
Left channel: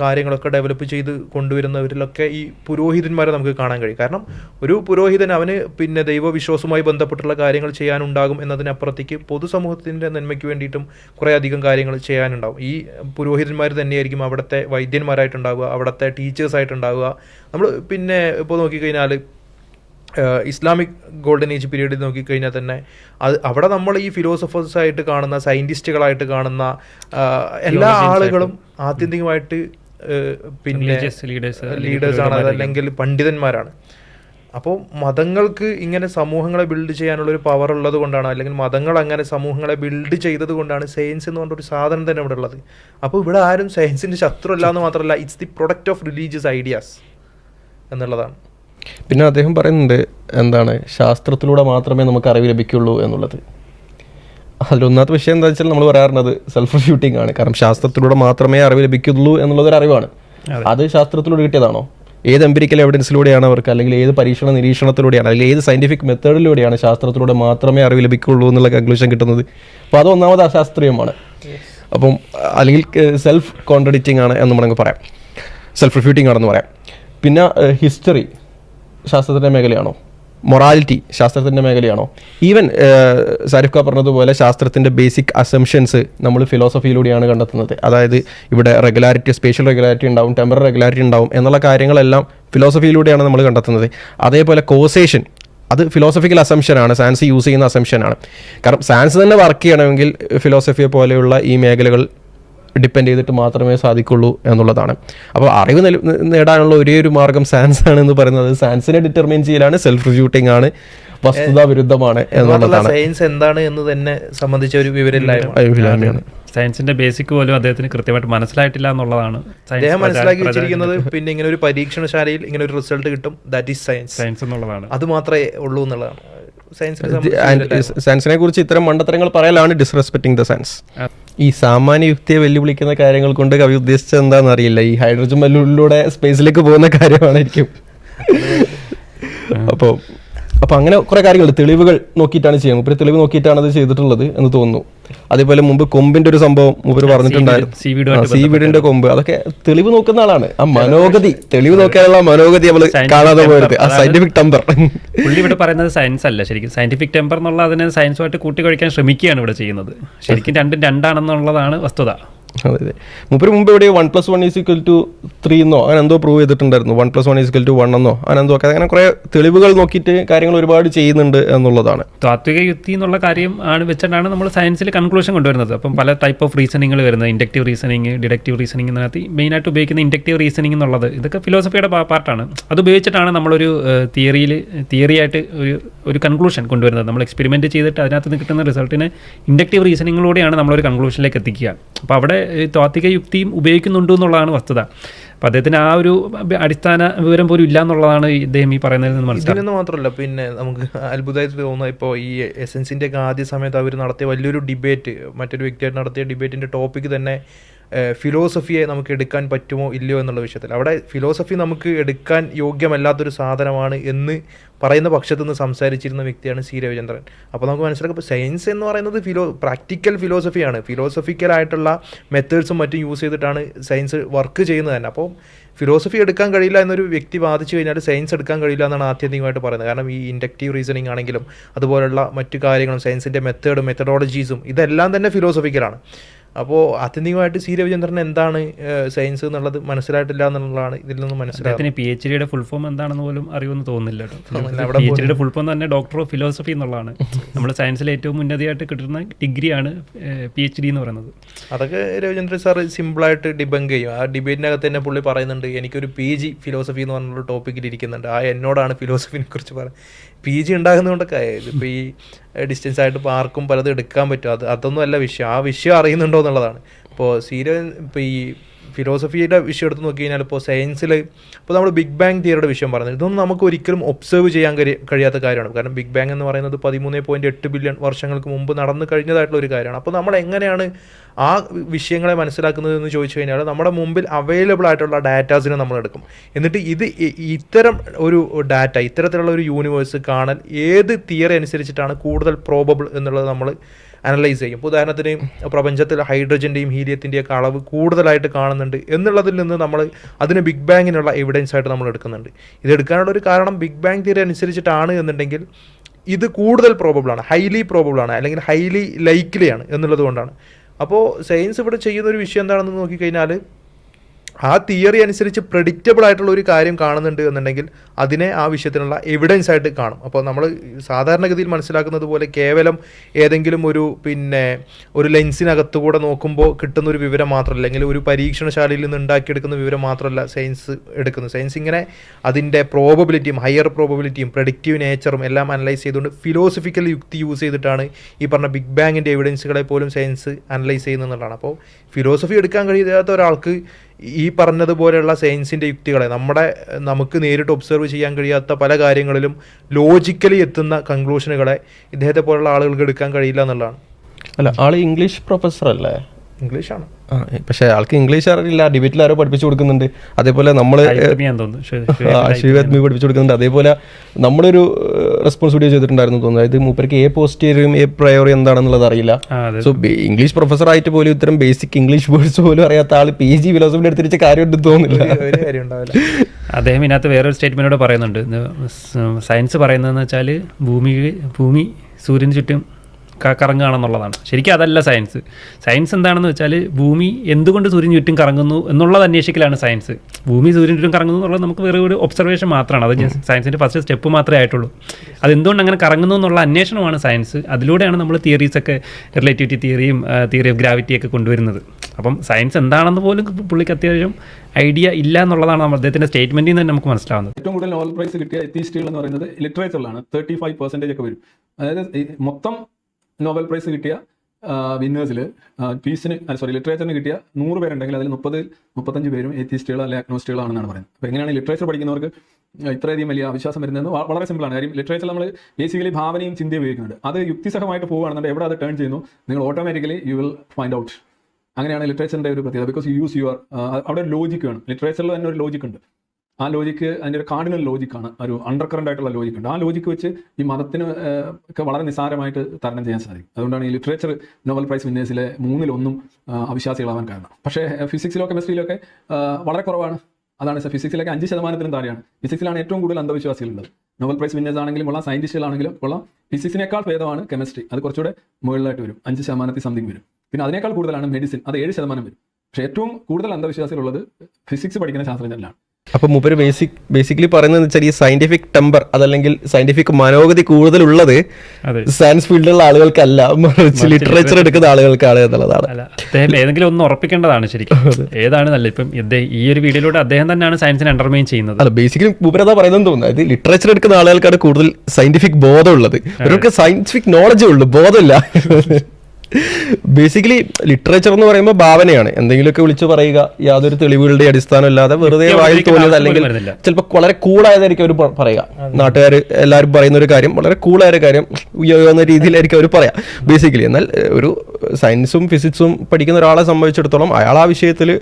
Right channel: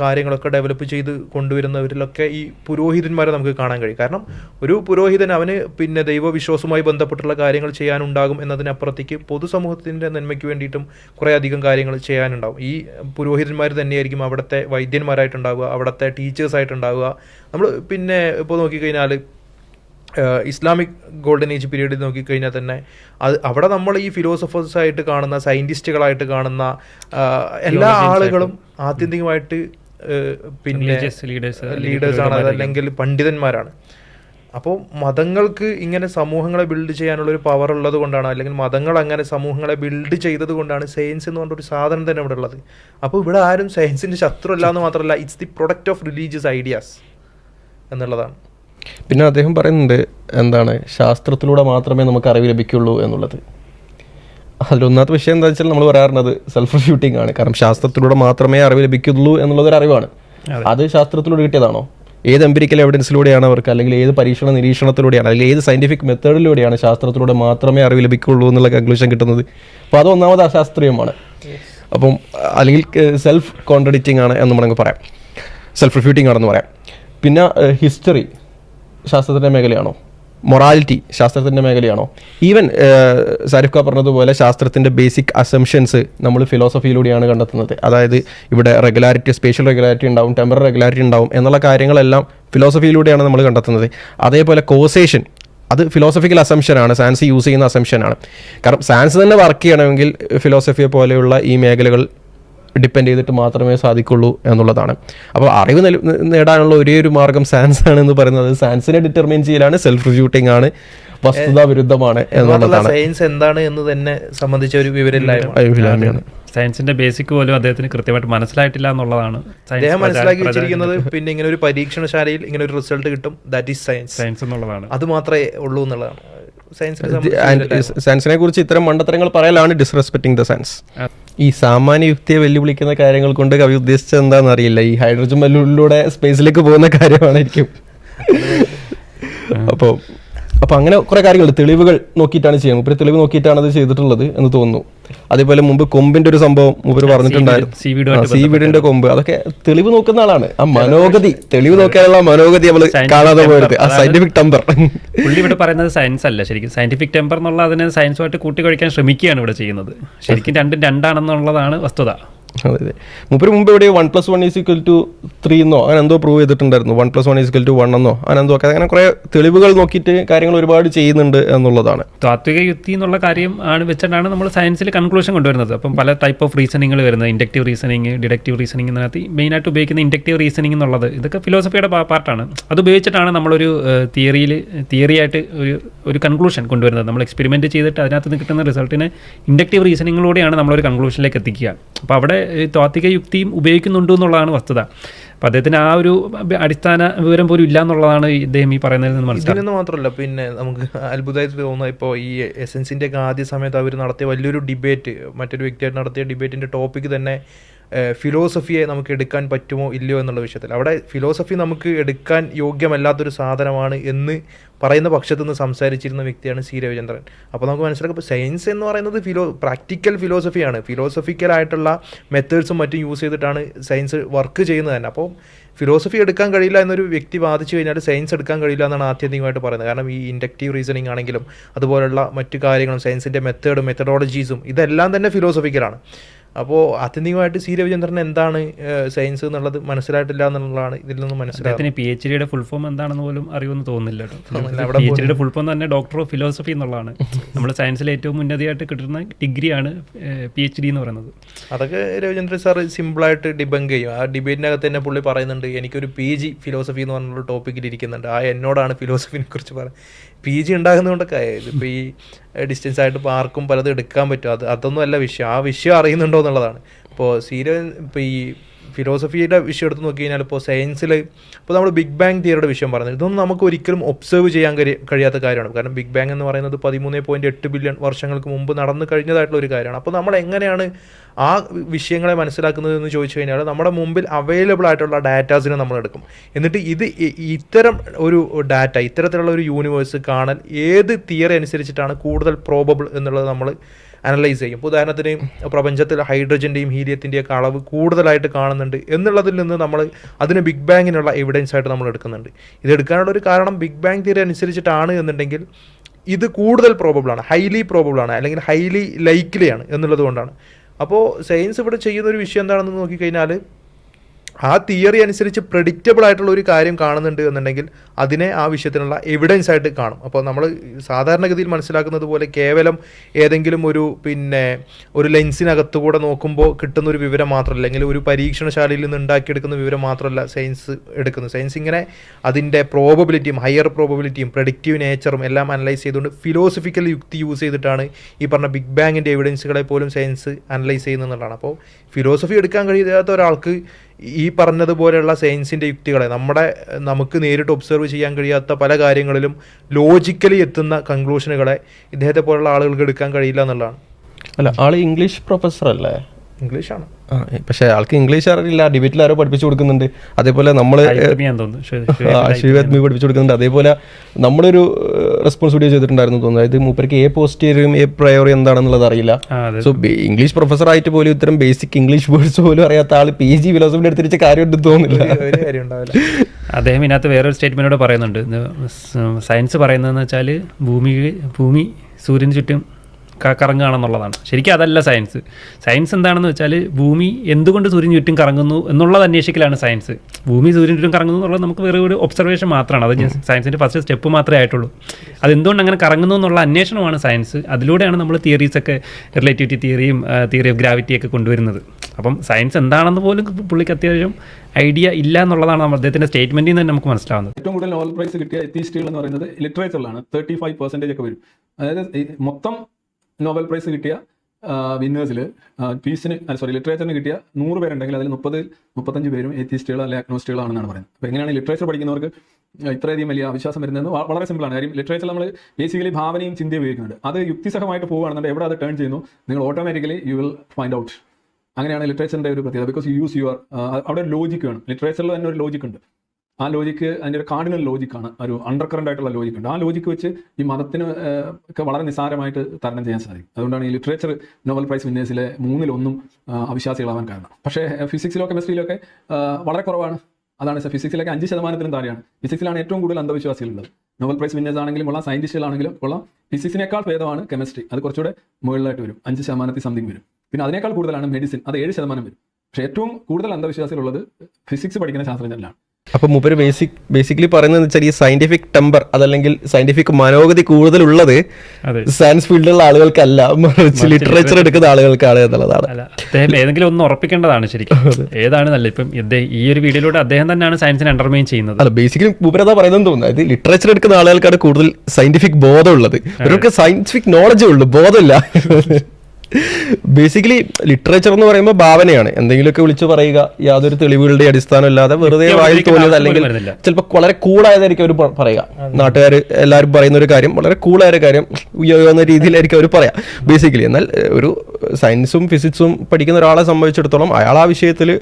[SPEAKER 4] കാര്യങ്ങളൊക്കെ ഡെവലപ്പ് ചെയ്ത് കൊണ്ടുവരുന്നവരിലൊക്കെ ഈ പുരോഹിതന്മാരെ നമുക്ക് കാണാൻ കഴിയും. കാരണം ഒരു പുരോഹിതൻ അവന് പിന്നെ ദൈവവിശ്വാസവുമായി ബന്ധപ്പെട്ടുള്ള കാര്യങ്ങൾ ചെയ്യാനുണ്ടാകും എന്നതിനപ്പുറത്തേക്ക് പൊതുസമൂഹത്തിന്റെ നന്മയ്ക്ക് വേണ്ടിയിട്ടും കുറേ അധികം കാര്യങ്ങൾ ചെയ്യാനുണ്ടാകും. ഈ പുരോഹിതന്മാർ തന്നെയായിരിക്കും അവിടുത്തെ വൈദ്യന്മാരായിട്ടുണ്ടാവുക അവിടുത്തെ ടീച്ചേഴ്സായിട്ടുണ്ടാവുക നമ്മൾ പിന്നെ ഇപ്പോൾ നോക്കിക്കഴിഞ്ഞാൽ ഇസ്ലാമിക് ഗോൾഡൻ ഏജ് പീരീഡിൽ നോക്കിക്കഴിഞ്ഞാൽ തന്നെ അത് അവിടെ നമ്മൾ ഈ ഫിലോസഫേഴ്സ് ആയിട്ട് കാണുന്ന സയന്റിസ്റ്റുകളായിട്ട് കാണുന്ന എല്ലാ ആളുകളും ആത്യന്തികമായിട്ട് പിന്നെ ലീഡേഴ്സ് ആണ് അതല്ലെങ്കിൽ പണ്ഡിതന്മാരാണ്. അപ്പോൾ മതങ്ങൾക്ക് ഇങ്ങനെ സമൂഹങ്ങളെ ബിൽഡ് ചെയ്യാനുള്ള ഒരു പവർ ഉള്ളത് കൊണ്ടാണ് അല്ലെങ്കിൽ മതങ്ങൾ അങ്ങനെ സമൂഹങ്ങളെ ബിൽഡ് ചെയ്തത് കൊണ്ടാണ് സയൻസ് എന്ന് പറഞ്ഞൊരു സാധനം തന്നെ ഇവിടെ ഉള്ളത്. അപ്പോൾ ഇവിടെ ആരും സയൻസിന്റെ ശത്രു അല്ല എന്ന് മാത്രമല്ല it's the product of religious ideas എന്നുള്ളതാണ്.
[SPEAKER 3] പിന്നെ അദ്ദേഹം പറയുന്നുണ്ട് എന്താണ് ശാസ്ത്രത്തിലൂടെ മാത്രമേ നമുക്ക് അറിവ് ലഭിക്കുള്ളൂ എന്നുള്ളത്. അതിലൊന്നാമത്തെ വിഷയം എന്താ വെച്ചാൽ നമ്മൾ പറയാറുണ്ട് സെൽഫ് ഷൂട്ടിംഗ് ആണ്. കാരണം ശാസ്ത്രത്തിലൂടെ മാത്രമേ അറിവ് ലഭിക്കുള്ളൂ എന്നുള്ളത് ഒരു അറിവാണ് അത് ശാസ്ത്രത്തിലൂടെ കിട്ടിയതാണോ? ഏത് എംപിരിക്കൽ എവിഡൻസിലൂടെയാണ് അവർക്ക് അല്ലെങ്കിൽ ഏത് പരീക്ഷണ നിരീക്ഷണത്തിലൂടെയാണ് അല്ലെങ്കിൽ ഏത് സയന്റിഫിക് മെത്തേഡിലൂടെയാണ് ശാസ്ത്രത്തിലൂടെ മാത്രമേ അറിവ് ലഭിക്കുള്ളൂ എന്നുള്ള കൺക്ലൂഷൻ കിട്ടുന്നത്? അപ്പോൾ അത് ഒന്നാമത് അശാസ്ത്രീയമാണ്. അപ്പം അല്ലെങ്കിൽ സെൽഫ് കോൺട്രഡിക്റ്റിംഗ് ആണ് എന്ന് വേണമെങ്കിൽ പറയാം. സെൽഫ് റിഫ്യൂട്ടിംഗ് ആണെന്ന് പറയാം. പിന്നെ ഹിസ്റ്ററി ശാസ്ത്രത്തിന്റെ മേഖലയാണോ? മൊറാലിറ്റി ശാസ്ത്രത്തിന്റെ മേഖലയാണോ? ഈവൻ സാരിഫ് ഖാ പറഞ്ഞതുപോലെ ശാസ്ത്രത്തിന്റെ ബേസിക് അസംഷൻസ് നമ്മൾ ഫിലോസഫിയിലൂടെയാണ് കണ്ടെത്തുന്നത്. അതായത് ഇവിടെ റെഗുലാരിറ്റി സ്പേഷ്യൽ റെഗുലാരിറ്റി ഉണ്ടാവും ടെമ്പററി റെഗുലാരിറ്റി ഉണ്ടാവും എന്നുള്ള കാര്യങ്ങളെല്ലാം ഫിലോസഫിയിലൂടെയാണ് നമ്മൾ കണ്ടെത്തുന്നത്. അതേപോലെ കോസേഷൻ അത് ഫിലോസഫിക്കൽ അസംഷനാണ് സയൻസ് യൂസ് ചെയ്യുന്ന അസംഷനാണ് കാരണം സയൻസ് തന്നെ വർക്ക് ചെയ്യണമെങ്കിൽ ഫിലോസഫിയെ പോലെയുള്ള ഈ മേഖലകൾ ഡിപ്പെൻഡ് ചെയ്തിട്ട് മാത്രമേ സാധിക്കുള്ളൂ എന്നുള്ളതാണ്. അപ്പോൾ അറിവ് നേടാനുള്ള ഒരേ ഒരു മാർഗം സയൻസ് ആണ് എന്ന് പറയുന്നത്. സയൻസിനെ ഡിറ്റർമിൻ ചെയ്യലാണ് സെൽഫ് റിസ്യൂട്ടിംഗ് ആണ് വസ്തുതാ വിരുദ്ധമാണ് എന്നുള്ളതാണ്.
[SPEAKER 4] സയൻസ് എന്താണ് എന്ന് തന്നെ സംബന്ധിച്ച ഒരു വിവരമില്ലായ്മ.
[SPEAKER 1] സയൻസിന്റെ ബേസിക് പോലും അദ്ദേഹത്തിന് കൃത്യമായിട്ട് മനസ്സിലായിട്ടില്ല എന്നുള്ളതാണ്
[SPEAKER 4] അദ്ദേഹം മനസ്സിലാക്കി വെച്ചിരിക്കുന്നത് പിന്നെ ഇങ്ങനെ ഒരു പരീക്ഷണശാലയിൽ ഇങ്ങനെ ഒരു റിസൾട്ട് കിട്ടും. ദാറ്റ് ഈസ് സയൻസ്
[SPEAKER 1] സയൻസ് എന്നുള്ളതാണ്.
[SPEAKER 4] അത് മാത്രമേ ഉള്ളൂ എന്നുള്ളതാണ്. സയൻസിനെ
[SPEAKER 3] കുറിച്ച് ഇത്തരം മണ്ടത്തരങ്ങൾ പറയലാണ് ഡിസ്റെസ്പെക്ടിങ് ദ സയൻസ് ഈ സാമാന്യ യുക്തിയെ വെല്ലുവിളിക്കുന്ന കാര്യങ്ങൾ കൊണ്ട് കവി ഉദ്ദേശിച്ചത് എന്താണെന്ന് അറിയില്ല. ഈ ഹൈഡ്രജൻ ബലൂണിലൂടെ സ്പേസിലേക്ക് പോകുന്ന കാര്യമാണായിരിക്കും അപ്പോൾ അപ്പൊ അങ്ങനെ കുറെ കാര്യങ്ങൾ തെളിവുകൾ നോക്കിയിട്ടാണ് ചെയ്യുന്നത്. മുപ്പര് തെളിവ് നോക്കിയിട്ടാണ് അത് ചെയ്തിട്ടുള്ളത് എന്ന് തോന്നുന്നു. അതേപോലെ മുമ്പ് കൊമ്പിന്റെ ഒരു സംഭവം മുപ്പര് പറഞ്ഞിട്ടുണ്ടായിരുന്നു.
[SPEAKER 1] സി
[SPEAKER 3] ആ, സീവീഡിന്റെ കൊമ്പ്. അതൊക്കെ തെളിവ് നോക്കുന്ന ആളാണ്. ആ മനോഗതി തെളിവ് നോക്കാനുള്ള മനോഗതി നമ്മൾ കാണാതെ പോയത് ആ സയന്റിഫിക് ടെമ്പർ
[SPEAKER 1] പുള്ളി ഇവിടെ പറയുന്നത് സയൻസ് അല്ല. ശരിക്കും സയന്റിഫിക് ടെമ്പർ എന്നുള്ള അതിനെ സയൻസുമായിട്ട് കൂട്ടിക്കഴിക്കാൻ ശ്രമിക്കുകയാണ് ഇവിടെ ചെയ്യുന്നത്. ശരിക്കും രണ്ടും രണ്ടാണെന്നുള്ളതാണ് വസ്തുത.
[SPEAKER 3] അതെ അതെ. മുപ്പര് മുമ്പ് ഇവിടെ one plus one is equal to three എന്നോ അങ്ങനെ എന്തോ പ്രൂവ് ചെയ്തിട്ടുണ്ടായിരുന്നു. One plus one is equal to one എന്നോ അങ്ങനെ എന്തോ ഒക്കെ. അങ്ങനെ കുറെ തെളിവുകൾ നോക്കിയിട്ട് കാര്യങ്ങൾ ഒരുപാട് ചെയ്യുന്നുണ്ട് എന്നുള്ളതാണ്.
[SPEAKER 1] താത്വിക യുക്തി എന്നുള്ള കാര്യം ആണ് വെച്ചിട്ടാണ് നമ്മൾ സയൻസിൽ കൺക്ലൂഷൻ കൊണ്ടുവരുന്നത്. അപ്പം പല ടൈപ്പ് ഓഫ് റീസണിങ്ങൾ വരുന്നത്. ഇൻഡക്റ്റീവ് റീസണിങ് ഡിഡക്റ്റീവ് റീസണിങ് എന്നതിനകത്ത് മെയിനായിട്ട് ഉപയോഗിക്കുന്ന ഇൻഡക്റ്റീവ് റീസണിങ് എന്നുള്ളത് ഇതൊക്കെ ഫിലോസഫിയുടെ പാർട്ടാണ് അത് ഉപയോഗിച്ചിട്ടാണ് നമ്മളൊരു തിയറിയിൽ തിയറിയായിട്ട് ഒരു ഒരു കൺക്ലൂഷൻ കൊണ്ടുവരുന്നത്. നമ്മൾ എക്സ്പെരിമെന്റ് ചെയ്തിട്ട് അതിനകത്ത് നിന്ന് കിട്ടുന്ന റിസൾട്ടിനെ ഇൻഡക്റ്റീവ് റീസണിങ്ങിലൂടെയാണ് നമ്മളൊരു കൺക്ലൂഷനിലേക്ക് എത്തിക്കുക. അപ്പോൾ അവിടെ താത്വിക യുക്തിയും ഉപയോഗിക്കുന്നുണ്ട് എന്നുള്ളതാണ് വസ്തുത. അപ്പോൾ അദ്ദേഹത്തിന് ആ ഒരു അടിസ്ഥാന വിവരം പോലും ഇല്ല എന്നുള്ളതാണ് ഇദ്ദേഹം ഈ പറയുന്നതിൽ നിന്ന് മനസ്സിലാക്കുന്നത്.
[SPEAKER 4] മാത്രമല്ല പിന്നെ നമുക്ക് അത്ഭുതമായിട്ട് തോന്നുന്നത് ഇപ്പോൾ ഈ എസ് ഒക്കെ ആദ്യ സമയത്ത് അവർ നടത്തിയ വലിയൊരു ഡിബേറ്റ് മറ്റൊരു വ്യക്തിയായിട്ട് നടത്തിയ ഡിബേറ്റിന്റെ ടോപ്പിക് തന്നെ ഫിലോസഫിയെ നമുക്ക് എടുക്കാൻ പറ്റുമോ ഇല്ലയോ എന്നുള്ള വിഷയത്തിൽ. അവിടെ ഫിലോസഫി നമുക്ക് എടുക്കാൻ യോഗ്യമല്ലാത്തൊരു സാധനമാണ് എന്ന് പറയുന്ന പക്ഷത്തു നിന്ന് സംസാരിച്ചിരുന്ന വ്യക്തിയാണ് സി. രവിചന്ദ്രൻ. അപ്പോൾ നമുക്ക് മനസ്സിലാക്കാം സയൻസ് എന്ന് പറയുന്നത് ഫിലോ പ്രാക്ടിക്കൽ ഫിലോസഫിയാണ് ഫിലോസഫിക്കലായിട്ടുള്ള മെത്തേഡ്സും മറ്റും യൂസ് ചെയ്തിട്ടാണ് സയൻസ് വർക്ക് ചെയ്യുന്നത് തന്നെ. അപ്പോൾ ഫിലോസഫി എടുക്കാൻ കഴിയില്ല എന്നൊരു വ്യക്തി വാദിച്ചു കഴിഞ്ഞാൽ സയൻസ് എടുക്കാൻ കഴിയില്ല എന്നാണ് ആത്യന്തികമായിട്ട് പറയുന്നത്. കാരണം ഈ ഇൻഡക്റ്റീവ് റീസണിങ് ആണെങ്കിലും അതുപോലുള്ള മറ്റു കാര്യങ്ങളും സയൻസിന്റെ മെത്തേഡും മെത്തഡോളജീസും ഇതെല്ലാം തന്നെ ഫിലോസഫിക്കലാണ് അപ്പോൾ ആത്യന്തികമായിട്ട് സി രവിചന്ദ്രൻ എന്താണ് സയൻസ് എന്നുള്ളത് മനസ്സിലായിട്ടില്ല എന്നുള്ളതാണ് ഇതിൽ നിന്ന് മനസ്സിലാക്കുന്നത്
[SPEAKER 1] പി എച്ച് ഡിയുടെ ഫുൾ ഫോം എന്താണെന്ന് പോലും അറിയുമെന്ന് തോന്നുന്നില്ല പി എച്ച് ഡിയുടെ ഫുൾ ഫോം തന്നെ ഡോക്ടർ ഓഫ് ഫിലോസഫി എന്നുള്ളതാണ്. നമ്മൾ സയൻസിൽ ഏറ്റവും ഉന്നതിയായിട്ട് കിട്ടുന്ന ഡിഗ്രിയാണ് പി എച്ച് ഡി എന്ന് പറയുന്നത്.
[SPEAKER 4] അതൊക്കെ രവിചന്ദ്രൻ സാർ സിമ്പിളായിട്ട് ഡിബങ്ക് ചെയ്യും. ആ ഡിബേറ്റിനകത്ത് തന്നെ പുള്ളി പറയുന്നുണ്ട് എനിക്കൊരു പി ജി ഫിലോസഫി എന്ന് പറഞ്ഞുള്ള ടോപ്പിക്കിൽ ഇരിക്കുന്നുണ്ട് ആ എന്നോടാണ് ഫിലോസഫിനെ കുറിച്ച് പറയുന്നത്. പി ജി ഉണ്ടാകുന്നതുകൊണ്ടൊക്കെ ഇതിപ്പോൾ ഈ ഡിസ്റ്റൻസ് ആയിട്ട് ഇപ്പോൾ ആർക്കും പലതും എടുക്കാൻ പറ്റും. അത് അതൊന്നും അല്ല വിഷയം. ആ വിഷയം അറിയുന്നുണ്ടോ എന്നുള്ളതാണ്. ഇപ്പോൾ സീരിയൽ ഇപ്പോൾ ഈ ഫിലോസഫിയുടെ വിഷയം എടുത്ത് നോക്കി കഴിഞ്ഞാൽ ഇപ്പോൾ സയൻസിൽ ഇപ്പോൾ നമ്മൾ ബിഗ് ബാങ് തിയറിയുടെ വിഷയം പറഞ്ഞത്. ഇതൊന്നും നമുക്ക് ഒരിക്കലും ഒബ്സർവ് ചെയ്യാൻ കഴിയാത്ത കാര്യമാണ്. കാരണം ബിഗ് ബാങ് എന്ന് പറയുന്നത് പതിമൂന്ന് പോയിന്റ് എട്ട് ബില്യൺ വർഷങ്ങൾക്ക് മുമ്പ് നടന്നു കഴിഞ്ഞതായിട്ടുള്ള ഒരു കാര്യമാണ്. അപ്പോൾ നമ്മൾ എങ്ങനെയാണ് ആ വിഷയങ്ങളെ മനസ്സിലാക്കുന്നത് എന്ന് ചോദിച്ചു കഴിഞ്ഞാൽ നമ്മുടെ മുമ്പിൽ അവൈലബിൾ ആയിട്ടുള്ള ഡാറ്റാസിനെ നമ്മൾ എടുക്കും. എന്നിട്ട് ഇത് ഇത്തരം ഒരു ഡാറ്റ ഇത്തരത്തിലുള്ള ഒരു യൂണിവേഴ്സ് കാണൽ ഏത് തിയറി അനുസരിച്ചിട്ടാണ് കൂടുതൽ പ്രോബബിൾ എന്നുള്ളത് നമ്മൾ അനലൈസ് ചെയ്യും. ഉദാഹരണത്തിന് പ്രപഞ്ചത്തിൽ ഹൈഡ്രജന്റെയും ഹീലിയത്തിന്റെയും ഒക്കെ അളവ് കൂടുതലായിട്ട് കാണുന്നുണ്ട് എന്നുള്ളതിൽ നിന്ന് നമ്മൾ അതിന് ബിഗ് ബാങ്ങിനുള്ള എവിഡൻസ് ആയിട്ട് നമ്മൾ എടുക്കുന്നുണ്ട്. ഇതെടുക്കാനുള്ള ഒരു കാരണം ബിഗ് ബാങ് തിയറി അനുസരിച്ചിട്ടാണ് എന്നുണ്ടെങ്കിൽ ഇത് കൂടുതൽ പ്രോബബിൾ ആണ്. ഹൈലി പ്രോബബിൾ ആണ്. അല്ലെങ്കിൽ ഹൈലി ലൈക്ലിയാണ് എന്നുള്ളത് കൊണ്ടാണ്. അപ്പോൾ സയൻസ് ഇവിടെ ചെയ്യുന്ന ഒരു വിഷയം എന്താണെന്ന് നോക്കിക്കഴിഞ്ഞാൽ ആ തിയറി അനുസരിച്ച് പ്രഡിക്റ്റബിൾ ആയിട്ടുള്ള ഒരു കാര്യം കാണുന്നുണ്ട് എന്നുണ്ടെങ്കിൽ അതിനെ ആ വിഷയത്തിനുള്ള എവിഡൻസ് ആയിട്ട് കാണും. അപ്പോൾ നമ്മൾ സാധാരണഗതിയിൽ മനസ്സിലാക്കുന്നത് പോലെ കേവലം ഏതെങ്കിലും ഒരു പിന്നെ ഒരു ലെൻസിനകത്ത് കൂടെ നോക്കുമ്പോൾ കിട്ടുന്ന ഒരു വിവരം മാത്രമല്ല അല്ലെങ്കിൽ ഒരു പരീക്ഷണശാലയിൽ നിന്ന് ഉണ്ടാക്കിയെടുക്കുന്ന വിവരം മാത്രമല്ല സയൻസ് എടുക്കുന്നത്. സയൻസ് ഇങ്ങനെ അതിന്റെ പ്രോബബിലിറ്റിയും ഹയർ പ്രോബബിലിറ്റിയും പ്രഡിക്റ്റീവ് നേച്ചറും എല്ലാം അനലൈസ് ചെയ്തുകൊണ്ട് ഫിലോസഫിക്കൽ യുക്തി യൂസ് ചെയ്തിട്ടാണ് ഈ പറഞ്ഞ ബിഗ് ബാങ്ങിന്റെ എവിഡൻസുകളെ പോലും സയൻസ് അനലൈസ് ചെയ്യുന്നതെന്നുള്ളതാണ് അപ്പോൾ ഫിലോസഫി എടുക്കാൻ കഴിയാത്ത ഒരാൾക്ക് ഈ പറഞ്ഞതുപോലെയുള്ള സയൻസിന്റെ യുക്തികളെ നമ്മുടെ നമുക്ക് നേരിട്ട് ഒബ്സർവ് ചെയ്യാൻ കഴിയാത്ത പല കാര്യങ്ങളിലും ലോജിക്കലി എത്തുന്ന കൺക്ലൂഷനുകളെ ഇദ്ദേഹത്തെ പോലുള്ള ആളുകൾക്ക് എടുക്കാൻ കഴിയില്ല എന്നുള്ളതാണ്.
[SPEAKER 3] അല്ല ആൾ ഇംഗ്ലീഷ് പ്രൊഫസർ അല്ലേ?
[SPEAKER 4] ഇംഗ്ലീഷാണ്.
[SPEAKER 3] പക്ഷേ ആൾക്ക് ഇംഗ്ലീഷ് അറിയില്ല ഡിബേറ്റിൽ ആരോ പഠിപ്പിച്ചു കൊടുക്കുന്നുണ്ട്. അതേപോലെ നമ്മൾ ശിവത്മി പഠിപ്പിച്ചു കൊടുക്കുന്നുണ്ട്. അതേപോലെ നമ്മളൊരു റെസ്പോൺസിബിലിറ്റി ചെയ്തിട്ടുണ്ടായിരുന്നു തോന്നുന്നു. അതായത് മൂപ്പർക്ക് എ പോസ്റ്റീരിയും എ പ്രയോറി എന്താണെന്നുള്ളത് അറിയില്ല. സോ ഇംഗ്ലീഷ് പ്രൊഫസർ ആയിട്ട് പോലും ഇത്തരം ബേസിക് ഇംഗ്ലീഷ് വേർഡ്സ് പോലും അറിയാത്ത ആൾ പി ജി ഫിലോസഫി എടുത്തിരിച്ച കാര്യമുണ്ടെന്ന് തോന്നുന്നില്ല.
[SPEAKER 4] ഒരു കാര്യം ഉണ്ടാവില്ല
[SPEAKER 1] അദ്ദേഹം ഇതിനകത്ത് വേറൊരു സ്റ്റേറ്റ്മെന്റോട് പറയുന്നുണ്ട്. സയൻസ് പറയുന്നതെന്ന് വെച്ചാൽ ഭൂമി ഭൂമി സൂര്യന് ചുറ്റും കറങ്ങുകയാണെന്നുള്ളതാണ്. ശരിക്കും അതല്ല സയൻസ് സയൻസ് എന്താണെന്ന് വെച്ചാൽ ഭൂമി എന്തുകൊണ്ട് സൂര്യന് ചുറ്റും കറങ്ങുന്നു എന്നുള്ളത് അന്വേഷിക്കലാണ് സയൻസ് ഭൂമി സൂര്യന് ചുറ്റും കറങ്ങുന്നു എന്നുള്ളത് നമുക്ക് വേറെ ഒരു ഒബ്സർവേഷൻ മാത്രമാണ്. അത് സയൻസിന്റെ ഫസ്റ്റ് സ്റ്റെപ്പ് മാത്രമേ ആയിട്ടുള്ളൂ. അതെന്തുകൊണ്ട് അങ്ങനെ കറങ്ങുന്നു എന്നുള്ള അന്വേഷണമാണ് സയൻസ് അതിലൂടെയാണ് നമ്മൾ തിയറീസൊക്കെ റിലേറ്റിവിറ്റി തിയറിയും തിയറി ഓഫ് ഗ്രാവിറ്റിയൊക്കെ കൊണ്ടുവരുന്നത്. അപ്പം സയൻസ് എന്താണെന്ന് പോലും പുള്ളിക്ക് അത്യാവശ്യം ഐഡിയ ഇല്ല എന്നുള്ളതാണ് നമ്മൾ അദ്ദേഹത്തിന്റെ സ്റ്റേറ്റ്മെന്റിൽ നിന്ന് തന്നെ നമുക്ക് മനസ്സിലാവുന്നത്.
[SPEAKER 2] ഏറ്റവും കൂടുതൽ നോബൽ പ്രൈസ് കിട്ടിയ എത്തി സ്റ്റീവ് എന്ന് പറയുന്നത് ലിറ്ററേച്ചറിലാണ് തേർട്ടി ഫൈവ് പെർസെന്റേജ് ഒക്കെ വരും. അതായത് മൊത്തം നോബൽ പ്രൈസ് കിട്ടിയ വിന്നേഴ്സിൽ പീസിന് സോറി ലിറ്ററേച്ചറിന് കിട്ടിയ നൂറ് പേരുണ്ടെങ്കിൽ അതിൽ മുപ്പത് മുപ്പത്തഞ്ച് പേരും എത്തിസ്റ്റുകൾ അല്ലെങ്കിൽ അഗ്നോസ്റ്റുകളാണെന്നാണ് പറയുന്നത്. അപ്പോൾ എങ്ങനെയാണ് ലിറ്ററേച്ചർ പഠിക്കുന്നവർക്ക് ഇത്രയധികം വലിയ അവിശ്വാസം വരുന്നത് വളരെ സിമ്പിളാണ് കാര്യം ലിറ്ററേച്ചർ നമ്മൾ ബേസിക്കലി ഭാവനയും ചിന്തയും ഉപയോഗിക്കുന്നുണ്ട്. അത് യുക്തിസഹമായിട്ട് പോവുകയാണെന്നുണ്ടെങ്കിൽ എവിടെ അത് ടേൺ ചെയ്യുന്നു? നിങ്ങൾ automatically you will find out അങ്ങനെയാണ് ലിറ്ററേച്ചറിന്റെ ഒരു പ്രത്യേകത. ബിക്കോസ് യൂസ് യുവർ അവിടെ ലോജിക് വേണം. ലിറ്ററേച്ചറിൽ തന്നെ ഒരു ലോജിക് ഉണ്ട്. ആ ലോജിക്ക് അതിന്റെ ഒരു കാർഡിനൽ ലോജിക്കാണ് ഒരു അണ്ടർ കറന്റ് ആയിട്ടുള്ള ലോജിക് ഉണ്ട്. ആ ലോജിക്ക് വെച്ച് ഈ മതത്തിന് ഒക്കെ വളരെ നിസ്സാരമായിട്ട് തരണം ചെയ്യാൻ സാധിക്കും. അതുകൊണ്ടാണ് ഈ ലിറ്ററേച്ചർ നോബൽ പ്രൈസ് വിന്നേഴ്സിലെ മൂന്നിലൊന്നും അവിശ്വാസികളാകാൻ കാരണം. പക്ഷേ ഫിസിക്സിലോ കെമിസ്ട്രിയിലോ ഒക്കെ ആ, വളരെ കുറവാണ്. അതാണ് സർ ഫിസിക്സിലൊക്കെ അഞ്ച് ശതമാനത്തിനും താഴെയാണ്. ഫിസിക്സിലാണ് ഏറ്റവും കൂടുതൽ അന്ധവിശ്വാസികളുള്ളത്. നോബൽ പ്രൈസ് വിന്നേഴ്സ് ആണെങ്കിലും ഉള്ള സയന്റിസ്റ്റുകളാണെങ്കിലും ഉള്ള ഫിസിക്സിനേക്കാൾ ഭേദമാണ് കെമിസ്ട്രി അത് കുറച്ചുകൂടെ മുകളിലായിട്ട് വരും. അഞ്ച് ശതമാനത്തിൽ സംതിങ് വരും. പിന്നെ അതിനേക്കാൾ കൂടുതലാണ് മെഡിസിൻ അത് ഏഴ് ശതമാനം വരും. പക്ഷേ ഏറ്റവും കൂടുതൽ അന്ധവിശ്വാസികളുള്ളത് ഫിസിക്സ് പഠിക്കുന്ന ശാസ്ത്രജ്ഞരിലാണ്.
[SPEAKER 3] അപ്പൊ മൂപ്പര് ബേസിക് ബേസിക്കലി പറയുന്നത് വെച്ചാൽ ഈ സയന്റിഫിക് ടെമ്പർ അതല്ലെങ്കിൽ സയന്റിഫിക് മനോഗതി കൂടുതലുള്ളത് സയൻസ് ഫീൽഡിലുള്ള ആളുകൾക്കല്ല മറിച്ച് ലിറ്ററേച്ചർ എടുക്കുന്ന ആളുകൾക്കാണ് എന്നുള്ളതാണ്.
[SPEAKER 1] ഏതെങ്കിലും ഒന്ന് ഉറപ്പിക്കേണ്ടതാണ് ശരിക്കും. ഏതാണ് നല്ല ഇപ്പം ഈ ഒരു വീഡിയോയിലൂടെ അദ്ദേഹം തന്നെയാണ് സയൻസിനെ അണ്ടർമൈൻ ചെയ്യുന്നത്.
[SPEAKER 3] അല്ല ബേസിക്കലി മൂപ്പരതാ പറയുന്നത് തോന്നുന്നത് അതായത് ലിറ്ററേച്ചർ എടുക്കുന്ന ആളുകൾക്കാണ് കൂടുതൽ സയന്റിഫിക് ബോധമുള്ളത്. ഇവർക്ക് സയന്റിഫിക് നോളജേ ഉള്ളൂ ബോധമില്ല. ബേസിക്കലി ലിറ്ററേച്ചർ എന്ന് പറയുമ്പോൾ ഭാവനയാണ്. എന്തെങ്കിലുമൊക്കെ വിളിച്ചു പറയുക യാതൊരു തെളിവുകളുടെ അടിസ്ഥാനം ഇല്ലാതെ വെറുതെ വായിൽ തോന്നിയത് അല്ലെങ്കിൽ ചിലപ്പോൾ വളരെ കൂളായതായിരിക്കും അവർ പറയുക. നാട്ടുകാർ എല്ലാവരും പറയുന്ന ഒരു കാര്യം വളരെ കൂളായ ഒരു കാര്യം ഉയ്യോ എന്ന രീതിയിലായിരിക്കും അവർ പറയാം. ബേസിക്കലി എന്നാൽ ഒരു സയൻസും ഫിസിക്സും പഠിക്കുന്ന ഒരാളെ സംബന്ധിച്ചിടത്തോളം അയാൾ ആ വിഷയത്തിൽ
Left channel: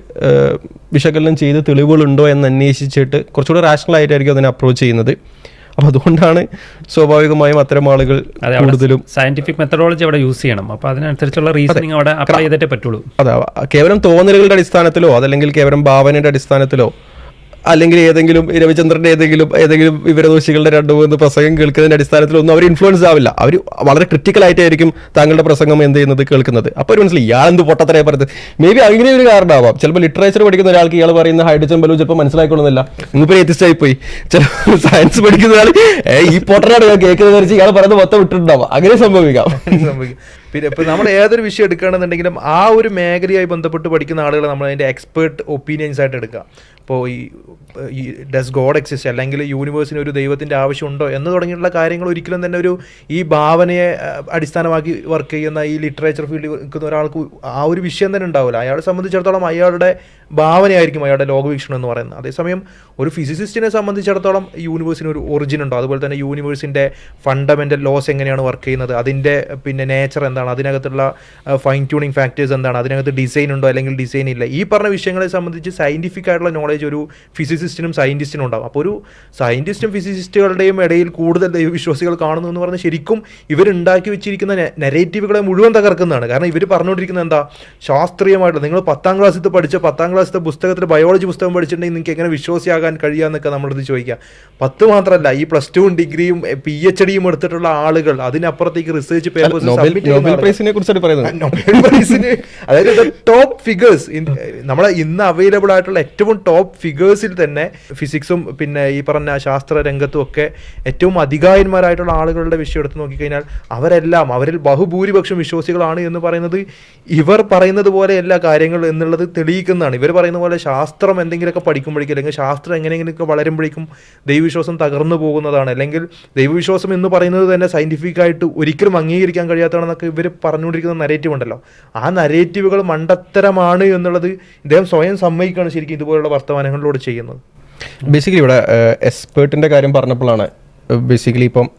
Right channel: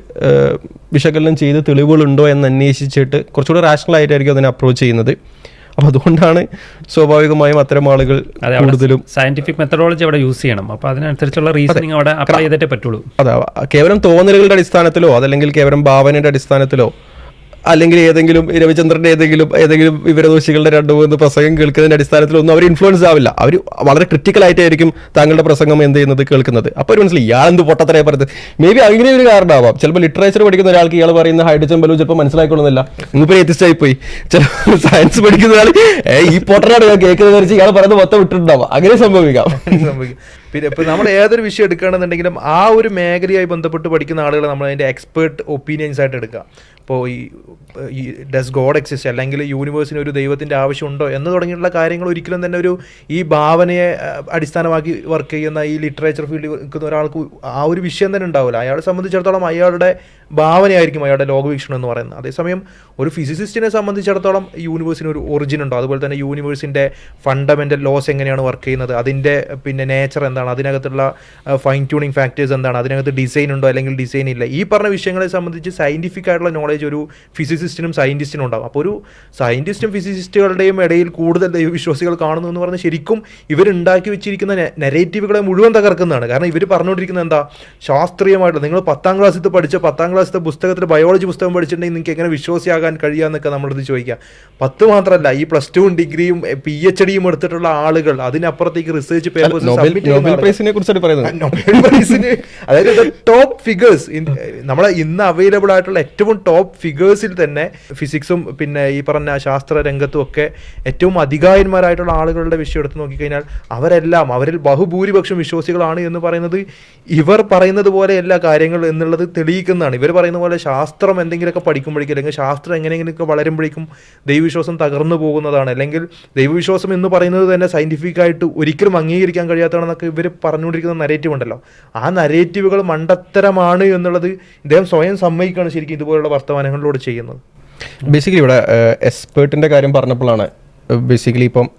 [SPEAKER 3] വിശകലനം ചെയ്ത് തെളിവുകളുണ്ടോ എന്ന് അന്വേഷിച്ചിട്ട് കുറച്ചുകൂടെ റാഷണൽ ആയിട്ടായിരിക്കും അതിനെ അപ്രോച്ച് ചെയ്യുന്നത്. അപ്പൊ അതുകൊണ്ടാണ് സ്വാഭാവികമായും അത്തരം ആളുകൾ കൂടുതലും
[SPEAKER 1] സയന്റിഫിക് മെത്തഡോളജി അവിടെ യൂസ് ചെയ്യണം. അപ്പോൾ അതിനനുസരിച്ചുള്ള റീസണിങ് അവിടെ അപ്ലൈ ചെയ്തിട്ടേ പറ്റുള്ളൂ.
[SPEAKER 3] അതാ കേവലം തോന്നലുകളുടെ അടിസ്ഥാനത്തിലോ അതല്ലെങ്കിൽ കേവലം ഭാവനയുടെ അടിസ്ഥാനത്തിലോ അല്ലെങ്കിൽ ഏതെങ്കിലും രവിചന്ദ്രന്റെ ഏതെങ്കിലും ഏതെങ്കിലും വിവരദോഷികളുടെ രണ്ടു മൂന്ന് പ്രസംഗം കേൾക്കുന്നതിന്റെ അടിസ്ഥാനത്തിൽ ഒന്നും അവർ ഇൻഫ്ലുവൻസ് ആവില്ല. അവർ വളരെ ക്രിട്ടിക്കൽ ആയിട്ടായിരിക്കും താങ്കളുടെ പ്രസംഗം എന്ത് ചെയ്യുന്നത് കേൾക്കുന്നത്. അപ്പോൾ ഒരു മനസ്സിലായി ഇയാൾ എന്ത് പൊട്ടത്തരയെ പറയുന്നത് മേ ബി അങ്ങനെ ഒരു കാരണമാവാം. ചിലപ്പോൾ ലിറ്ററേച്ചർ പഠിക്കുന്ന ഒരാൾക്ക് ഇയാൾ പറയുന്ന ഹൈഡ്രജൻ ബലൂ ചിലപ്പോൾ മനസ്സിലായിക്കൊള്ളുന്നില്ല. ഇന്നിപ്പോൾ എത്തിച്ചായി പോയി ചിലപ്പോൾ സയൻസ് പഠിക്കുന്ന ആൾ ഈ പൊട്ടനാണ് ഞാൻ കേൾക്കുന്നത് വെച്ച് ഇയാൾ പറയുന്നത് മൊത്തം വിട്ടിട്ടുണ്ടാവാം. അങ്ങനെ സംഭവിക്കാം.
[SPEAKER 4] പിന്നെ ഇപ്പൊ നമ്മൾ ഏതൊരു വിഷയം എടുക്കുകയാണെന്നുണ്ടെങ്കിലും ആ ഒരു മേഖലയായി ബന്ധപ്പെട്ട് പഠിക്കുന്ന ആളുകളെ നമ്മൾ അതിന്റെ എക്സ്പേർട്ട് ഒപ്പീനിയൻസ് ആയിട്ട് എടുക്കുക ഇപ്പോൾ ഈ ഈ ഡസ് ഗോഡ് എക്സിസ്റ്റ് അല്ലെങ്കിൽ യൂണിവേഴ്സിന് ഒരു ദൈവത്തിന്റെ ആവശ്യമുണ്ടോ എന്ന് തുടങ്ങിയിട്ടുള്ള കാര്യങ്ങൾ ഒരിക്കലും തന്നെ ഒരു ഈ ഭാവനയെ അടിസ്ഥാനമാക്കി വർക്ക് ചെയ്യുന്ന ഈ ലിറ്ററേച്ചർ ഫീൽഡിൽ നിൽക്കുന്ന ഒരാൾക്ക് ആ ഒരു വിഷയം തന്നെ ഉണ്ടാവില്ല. അയാളെ സംബന്ധിച്ചിടത്തോളം അയാളുടെ ഭാവനയായിരിക്കും അയാളുടെ ലോകവീക്ഷണം എന്ന് പറയുന്നത്. അതേസമയം ഒരു ഫിസിസിസ്റ്റിനെ സംബന്ധിച്ചിടത്തോളം യൂണിവേഴ്സിന് ഒരു ഒറിജിൻ ഉണ്ടോ? അതുപോലെ തന്നെ യൂണിവേഴ്സിന്റെ ഫണ്ടമെന്റൽ ലോസ് എങ്ങനെയാണ് വർക്ക് ചെയ്യുന്നത്? അതിന്റെ പിന്നെ നേച്ചർ എന്താണ്? അതിനകത്തുള്ള ഫൈൻ ട്യൂണിങ് ഫാക്ടേഴ്സ് എന്താണ്? അതിനകത്ത് ഡിസൈൻ ഉണ്ടോ അല്ലെങ്കിൽ ഡിസൈൻ ഇല്ല? ഈ പറഞ്ഞ വിഷയങ്ങളെ സംബന്ധിച്ച് സയന്റിഫിക് ആയിട്ടുള്ള നോളേജ് ഒരു ഫിസിസിസ്റ്റിനും സയന്റിസ്റ്റിനും ഉണ്ടാവും. അപ്പോൾ ഒരു സയന്റിസ്റ്റും ഫിസിസിസ്റ്റുകളുടെയും ഇടയിൽ കൂടുതൽ ദൈവവിശ്വാസികൾ കാണുന്നു എന്ന് പറഞ്ഞാൽ ശരിക്കും ഇവരുണ്ടാക്കി വെച്ചിരിക്കുന്ന നെറേറ്റീവുകളെ മുഴുവൻ തകർക്കുന്നതാണ്. കാരണം ഇവർ പറഞ്ഞുകൊണ്ടിരിക്കുന്നത് എന്താ? ശാസ്ത്രീയമായിട്ട് നിങ്ങൾ പത്താം ക്ലാസ്സിൽ പഠിച്ച പത്താം ക്ലാസ്സിലെ പുസ്തകത്തിൽ ബയോളജി പുസ്തകം പഠിച്ചിട്ടുണ്ടെങ്കിൽ നിങ്ങൾക്ക് എങ്ങനെ വിശ്വാസിയാകാൻ കഴിയാന്നൊക്കെ നമ്മളത് ചോദിക്കാം പത്ത് മാത്രമല്ല ഈ പ്ലസ് ടുവും ഡിഗ്രിയും പി എച്ച് ഡിയും എടുത്തിട്ടുള്ള ആളുകൾ അതിനപ്പുറത്തേക്ക് റിസർച്ച് പേപ്പേഴ്സ്
[SPEAKER 3] നോബൽ പ്രൈസിനെ
[SPEAKER 4] അതായത് ടോപ്പ് ഫിഗേഴ്സ് നമ്മളെ ഇന്ന് അവൈലബിൾ ആയിട്ടുള്ള ഏറ്റവും ടോപ്പ് ഫിഗേഴ്സിൽ തന്നെ ഫിസിക്സും പിന്നെ ഈ പറഞ്ഞ ശാസ്ത്ര രംഗത്തും ഒക്കെ ഏറ്റവും അധികായന്മാരായിട്ടുള്ള ആളുകളുടെ വിഷയം എടുത്ത് നോക്കിക്കഴിഞ്ഞാൽ അവരെല്ലാം അവരിൽ ബഹുഭൂരിപക്ഷം വിശ്വാസികളാണ് എന്ന് പറയുന്നത് ഇവർ പറയുന്നത് പോലെ എല്ലാ കാര്യങ്ങളും എന്നുള്ളത് തെളിയിക്കുന്നതാണ്. ഇവർ പറയുന്ന പോലെ ശാസ്ത്രം എന്തെങ്കിലുമൊക്കെ പഠിക്കുമ്പോഴേക്കും അല്ലെങ്കിൽ ശാസ്ത്രം എങ്ങനെയെങ്കിലുമൊക്കെ വളരുമ്പോഴേക്കും ദൈവവിശ്വാസം തകർന്നു പോകുന്നതാണ്. അല്ലെങ്കിൽ ദൈവവിശ്വാസം എന്ന് പറയുന്നത് തന്നെ സയന്റിഫിക് ആയിട്ട് ഒരിക്കലും അംഗീകരിക്കാൻ കഴിയാത്തതാണെന്നൊക്കെ ഇവർ പറഞ്ഞുകൊണ്ടിരിക്കുന്ന നരേറ്റീവ് ഉണ്ടല്ലോ. ആ നരേറ്റീവുകൾ മണ്ടത്തരമാണ് എന്നുള്ളത് ഇദ്ദേഹം സ്വയം സമ്മതിക്കുകയാണ് ശരിക്കും ഇതുപോലുള്ള വർത്തമാനങ്ങളിലൂടെ ചെയ്യുന്നത്.
[SPEAKER 3] ബേസിക്കലി ഇവിടെ എക്സ്പേർട്ടിന്റെ കാര്യം പറഞ്ഞപ്പോഴാണ് ബേസിക്കലി ഇപ്പം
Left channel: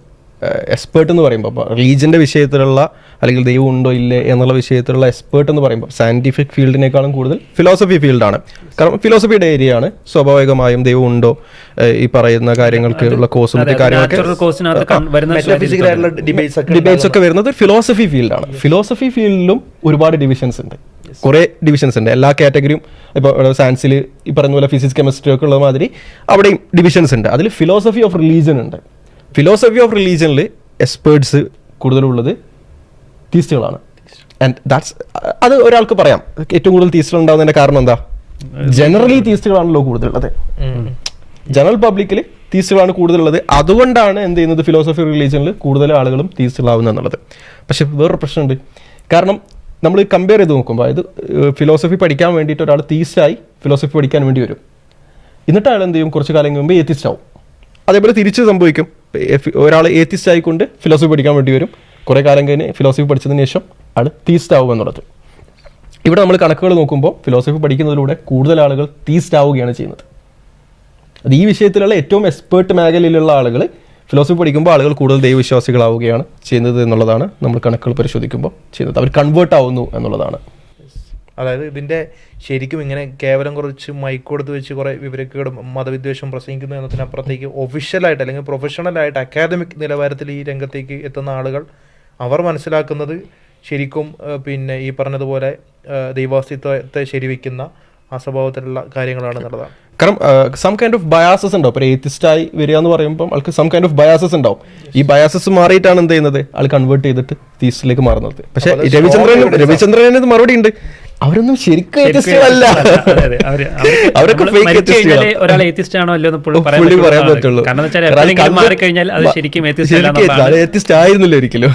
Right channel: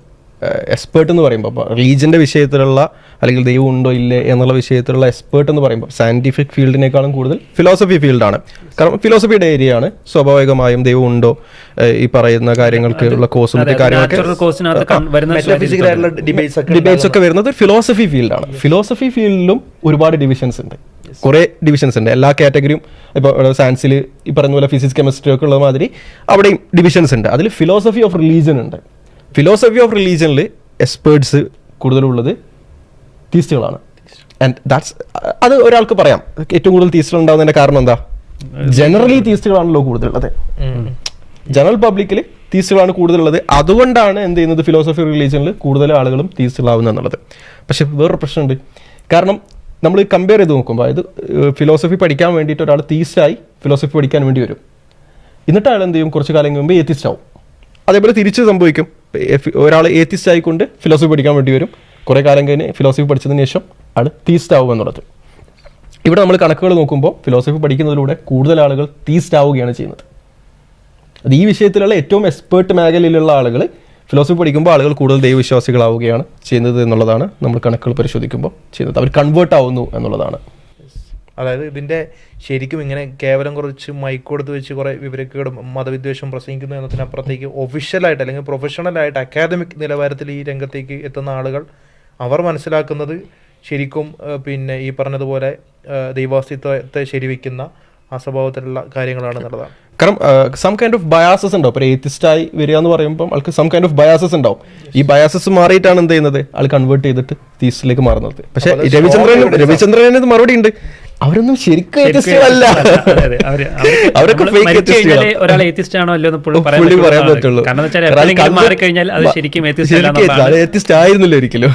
[SPEAKER 3] എക്സ്പേർട്ട് എന്ന് പറയുമ്പോൾ റിലീജിയന്റെ വിഷയത്തിലുള്ള അല്ലെങ്കിൽ ദൈവം ഉണ്ടോ ഇല്ലേ എന്നുള്ള വിഷയത്തിലുള്ള എക്സ്പേർട്ട് എന്ന് പറയുമ്പോൾ സയന്റിഫിക് ഫീൽഡിനേക്കാളും കൂടുതൽ ഫിലോസഫി ഫീൽഡാണ് കാരണം ഫിലോസഫിയുടെ ഏരിയ ആണ്. സ്വാഭാവികമായും ദൈവം ഉണ്ടോ ഈ പറയുന്ന കാര്യങ്ങൾക്ക് ഉള്ള കോസും കാര്യങ്ങളൊക്കെ
[SPEAKER 4] ഡിബേറ്റ്സ് ഒക്കെ
[SPEAKER 3] വരുന്നത് ഫിലോസഫി ഫീൽഡാണ് ഫിലോസഫി ഫീൽഡിലും ഒരുപാട് ഡിവിഷൻസ് ഉണ്ട്. കുറെ ഡിവിഷൻസ് ഉണ്ട്. എല്ലാ കാറ്റഗറിയും ഇപ്പോൾ സയൻസിൽ ഈ പറയുന്ന പോലെ ഫിസിക്സ് കെമിസ്ട്രി ഒക്കെ ഉള്ള മാതിരി അവിടെയും ഡിവിഷൻസ് ഉണ്ട്. അതിൽ ഫിലോസഫി ഓഫ് റിലീജിയൻ ഉണ്ട്. ഫിലോസഫി ഓഫ് റിലീജിയനിൽ എക്സ്പേർട്സ് കൂടുതലുള്ളത് തീസ്റ്റുകളാണ് ആൻഡ് ദാറ്റ്സ് അത് ഒരാൾക്ക് പറയാം. ഏറ്റവും കൂടുതൽ തീസ്റ്റുകൾ ഉണ്ടാകുന്നതിന്റെ കാരണം എന്താ? ജനറലി തീസ്റ്റുകളാണല്ലോ കൂടുതലുള്ളത്. ജനറൽ പബ്ലിക്കിൽ തീസ്റ്റുകളാണ് കൂടുതലുള്ളത്. അതുകൊണ്ടാണ് എന്ത് ചെയ്യുന്നത്? ഫിലോസഫി റിലീജിയനിൽ കൂടുതൽ ആളുകളും തീസ്റ്റുകളാവുന്നത് എന്നുള്ളത്. പക്ഷെ വേറൊരു പ്രശ്നമുണ്ട്. കാരണം നമ്മൾ കമ്പയർ ചെയ്ത് നോക്കുമ്പോൾ അതായത് ഫിലോസഫി പഠിക്കാൻ വേണ്ടിയിട്ട് ഒരാൾ തീസ്റ്റായി ഫിലോസഫി പഠിക്കാൻ വേണ്ടി വരും. എന്നിട്ട് അയാൾ എന്ത് ചെയ്യും? കുറച്ച് കാലം കഴിയുമ്പോൾ ഏത്തിസ്റ്റ് ആവും. അതേപോലെ തിരിച്ച് സംഭവിക്കും. ഒരാൾ ഏത്തിസ്റ്റ് ആയിക്കൊണ്ട് ഫിലോസഫി പഠിക്കാൻ വേണ്ടി വരും. കുറേ കാലം കഴിഞ്ഞ് ഫിലോസഫി പഠിച്ചതിന് ശേഷം ആൾ തീസ്റ്റ് ആവുക എന്നുള്ളത്. ഇവിടെ നമ്മൾ കണക്കുകൾ നോക്കുമ്പോൾ ഫിലോസഫി പഠിക്കുന്നതിലൂടെ കൂടുതൽ ആളുകൾ തീസ്റ്റ് ആവുകയാണ് ചെയ്യുന്നത്. അത് ഈ വിഷയത്തിലുള്ള ഏറ്റവും എക്സ്പേർട്ട് മേഖലയിലുള്ള ആളുകൾ ഫിലോസഫി പഠിക്കുമ്പോൾ ആളുകൾ കൂടുതൽ ദൈവവിശ്വാസികളാവുകയാണ് ചെയ്യുന്നത് എന്നുള്ളതാണ് നമ്മൾ കണക്കുകൾ പരിശോധിക്കുമ്പോൾ ചെയ്യുന്നത്. അവർ കൺവേർട്ട് ആവുന്നു എന്നുള്ളതാണ്.
[SPEAKER 4] അതായത് ഇതിന്റെ ശരിക്കും ഇങ്ങനെ കേവലം കുറച്ച് മൈക്ക് കൊടുത്ത് വെച്ച് കുറേ വിവരക്കേടും മതവിദ്വേഷം പ്രസംഗിക്കുന്നു എന്നതിനപ്പുറത്തേക്ക് ഒഫീഷ്യലായിട്ട് അല്ലെങ്കിൽ പ്രൊഫഷണലായിട്ട് അക്കാദമിക് നിലവാരത്തിൽ ഈ രംഗത്തേക്ക് എത്തുന്ന ആളുകൾ അവർ മനസ്സിലാക്കുന്നത് ശരിക്കും പിന്നെ ഈ പറഞ്ഞതുപോലെ ദൈവാസ്തിത്വത്തെ സ്വഭാവത്തിലുള്ള കാര്യങ്ങളാണ് എന്നുള്ളതാണ്
[SPEAKER 3] കാരണം സം കൈൻഡ് ഓഫ് ബയാസസ് ഉണ്ടോ. ഒരു ഏത്തിസ്റ്റ് ആയി വരിക എന്ന് പറയുമ്പോൾ ആൾക്ക് സം കൈൻഡ് ഓഫ് ബയാസസ് ഉണ്ടാവും. ഈ ബയാസസ് മാറിയിട്ടാണ് എന്ത് ചെയ്യുന്നത്? ആൾ കൺവേർട്ട് ചെയ്തിട്ട് തീസ്റ്റിലേക്ക് മാറുന്നത്. പക്ഷെ രവിചന്ദ്രൻ രവിചന്ദ്രന് മറുപടി ഉണ്ട്. അവരൊന്നും ശരിക്കും
[SPEAKER 1] അല്ല
[SPEAKER 3] അവരൊക്കെ ആണ്.
[SPEAKER 1] ഒരാൾ ഏത്തിസ്റ്റ് ആണോ അല്ലോ എന്ന് പറയാൻ
[SPEAKER 3] പുള്ളി പറ്റുള്ളൂ.
[SPEAKER 1] ഏത്തിസ്റ്റ്
[SPEAKER 3] ആയിരുന്നില്ല ഒരിക്കലും.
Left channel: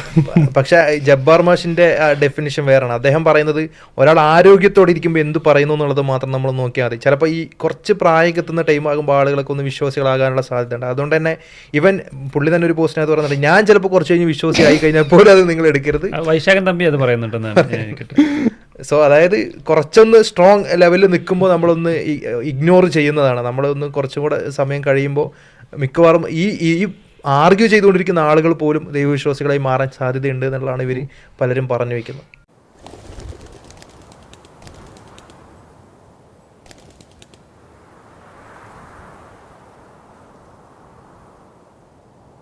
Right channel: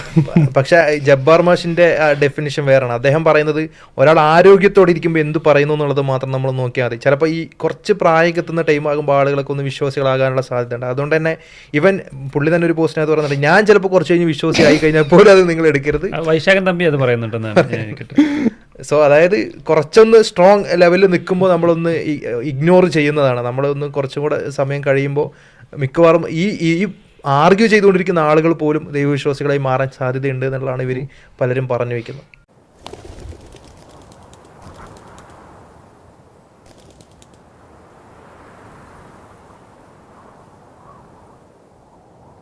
[SPEAKER 4] പക്ഷെ ജബ്ബാർ മാഷിന്റെ ഡെഫിനിഷൻ വേറാണ്. അദ്ദേഹം പറയുന്നത് ഒരാൾ ആരോഗ്യത്തോടെ ഇരിക്കുമ്പോൾ എന്ത് പറയുന്നു എന്നുള്ളത് മാത്രം നമ്മൾ നോക്കിയാൽ മതി. ചിലപ്പോൾ ഈ കുറച്ച് പ്രായം എത്തുന്ന ടൈം ആകുമ്പോൾ ആളുകളൊക്കെ ഒന്ന് വിശ്വാസികളാകാനുള്ള സാധ്യതയുണ്ട്. അതുകൊണ്ട് തന്നെ ഇവൻ പുള്ളി തന്നെ ഒരു പോസ്റ്റിനകത്ത് പറയുന്നുണ്ട് ഞാൻ ചിലപ്പോൾ കുറച്ച് കഴിഞ്ഞ് വിശ്വാസി ആയി കഴിഞ്ഞാൽ പോലും അത് നിങ്ങൾ എടുക്കരുത്.
[SPEAKER 1] വൈശാഖൻ തമ്പി അത് പറയുന്നുണ്ടെന്നാണ്.
[SPEAKER 4] സോ അതായത് കുറച്ചൊന്ന് സ്ട്രോങ് ലെവലിൽ നിൽക്കുമ്പോൾ നമ്മളൊന്ന് ഇഗ്നോർ ചെയ്യുന്നതാണ്. നമ്മളൊന്ന് കുറച്ചും കൂടെ സമയം കഴിയുമ്പോൾ മിക്കവാറും ഈ ഈ ആർഗ്യൂ ചെയ്തുകൊണ്ടിരിക്കുന്ന ആളുകൾ പോലും ദൈവവിശ്വാസികളായി മാറാൻ സാധ്യതയുണ്ട് എന്നുള്ളതാണ് ഇവർ പലരും പറഞ്ഞു വെക്കുന്നത്.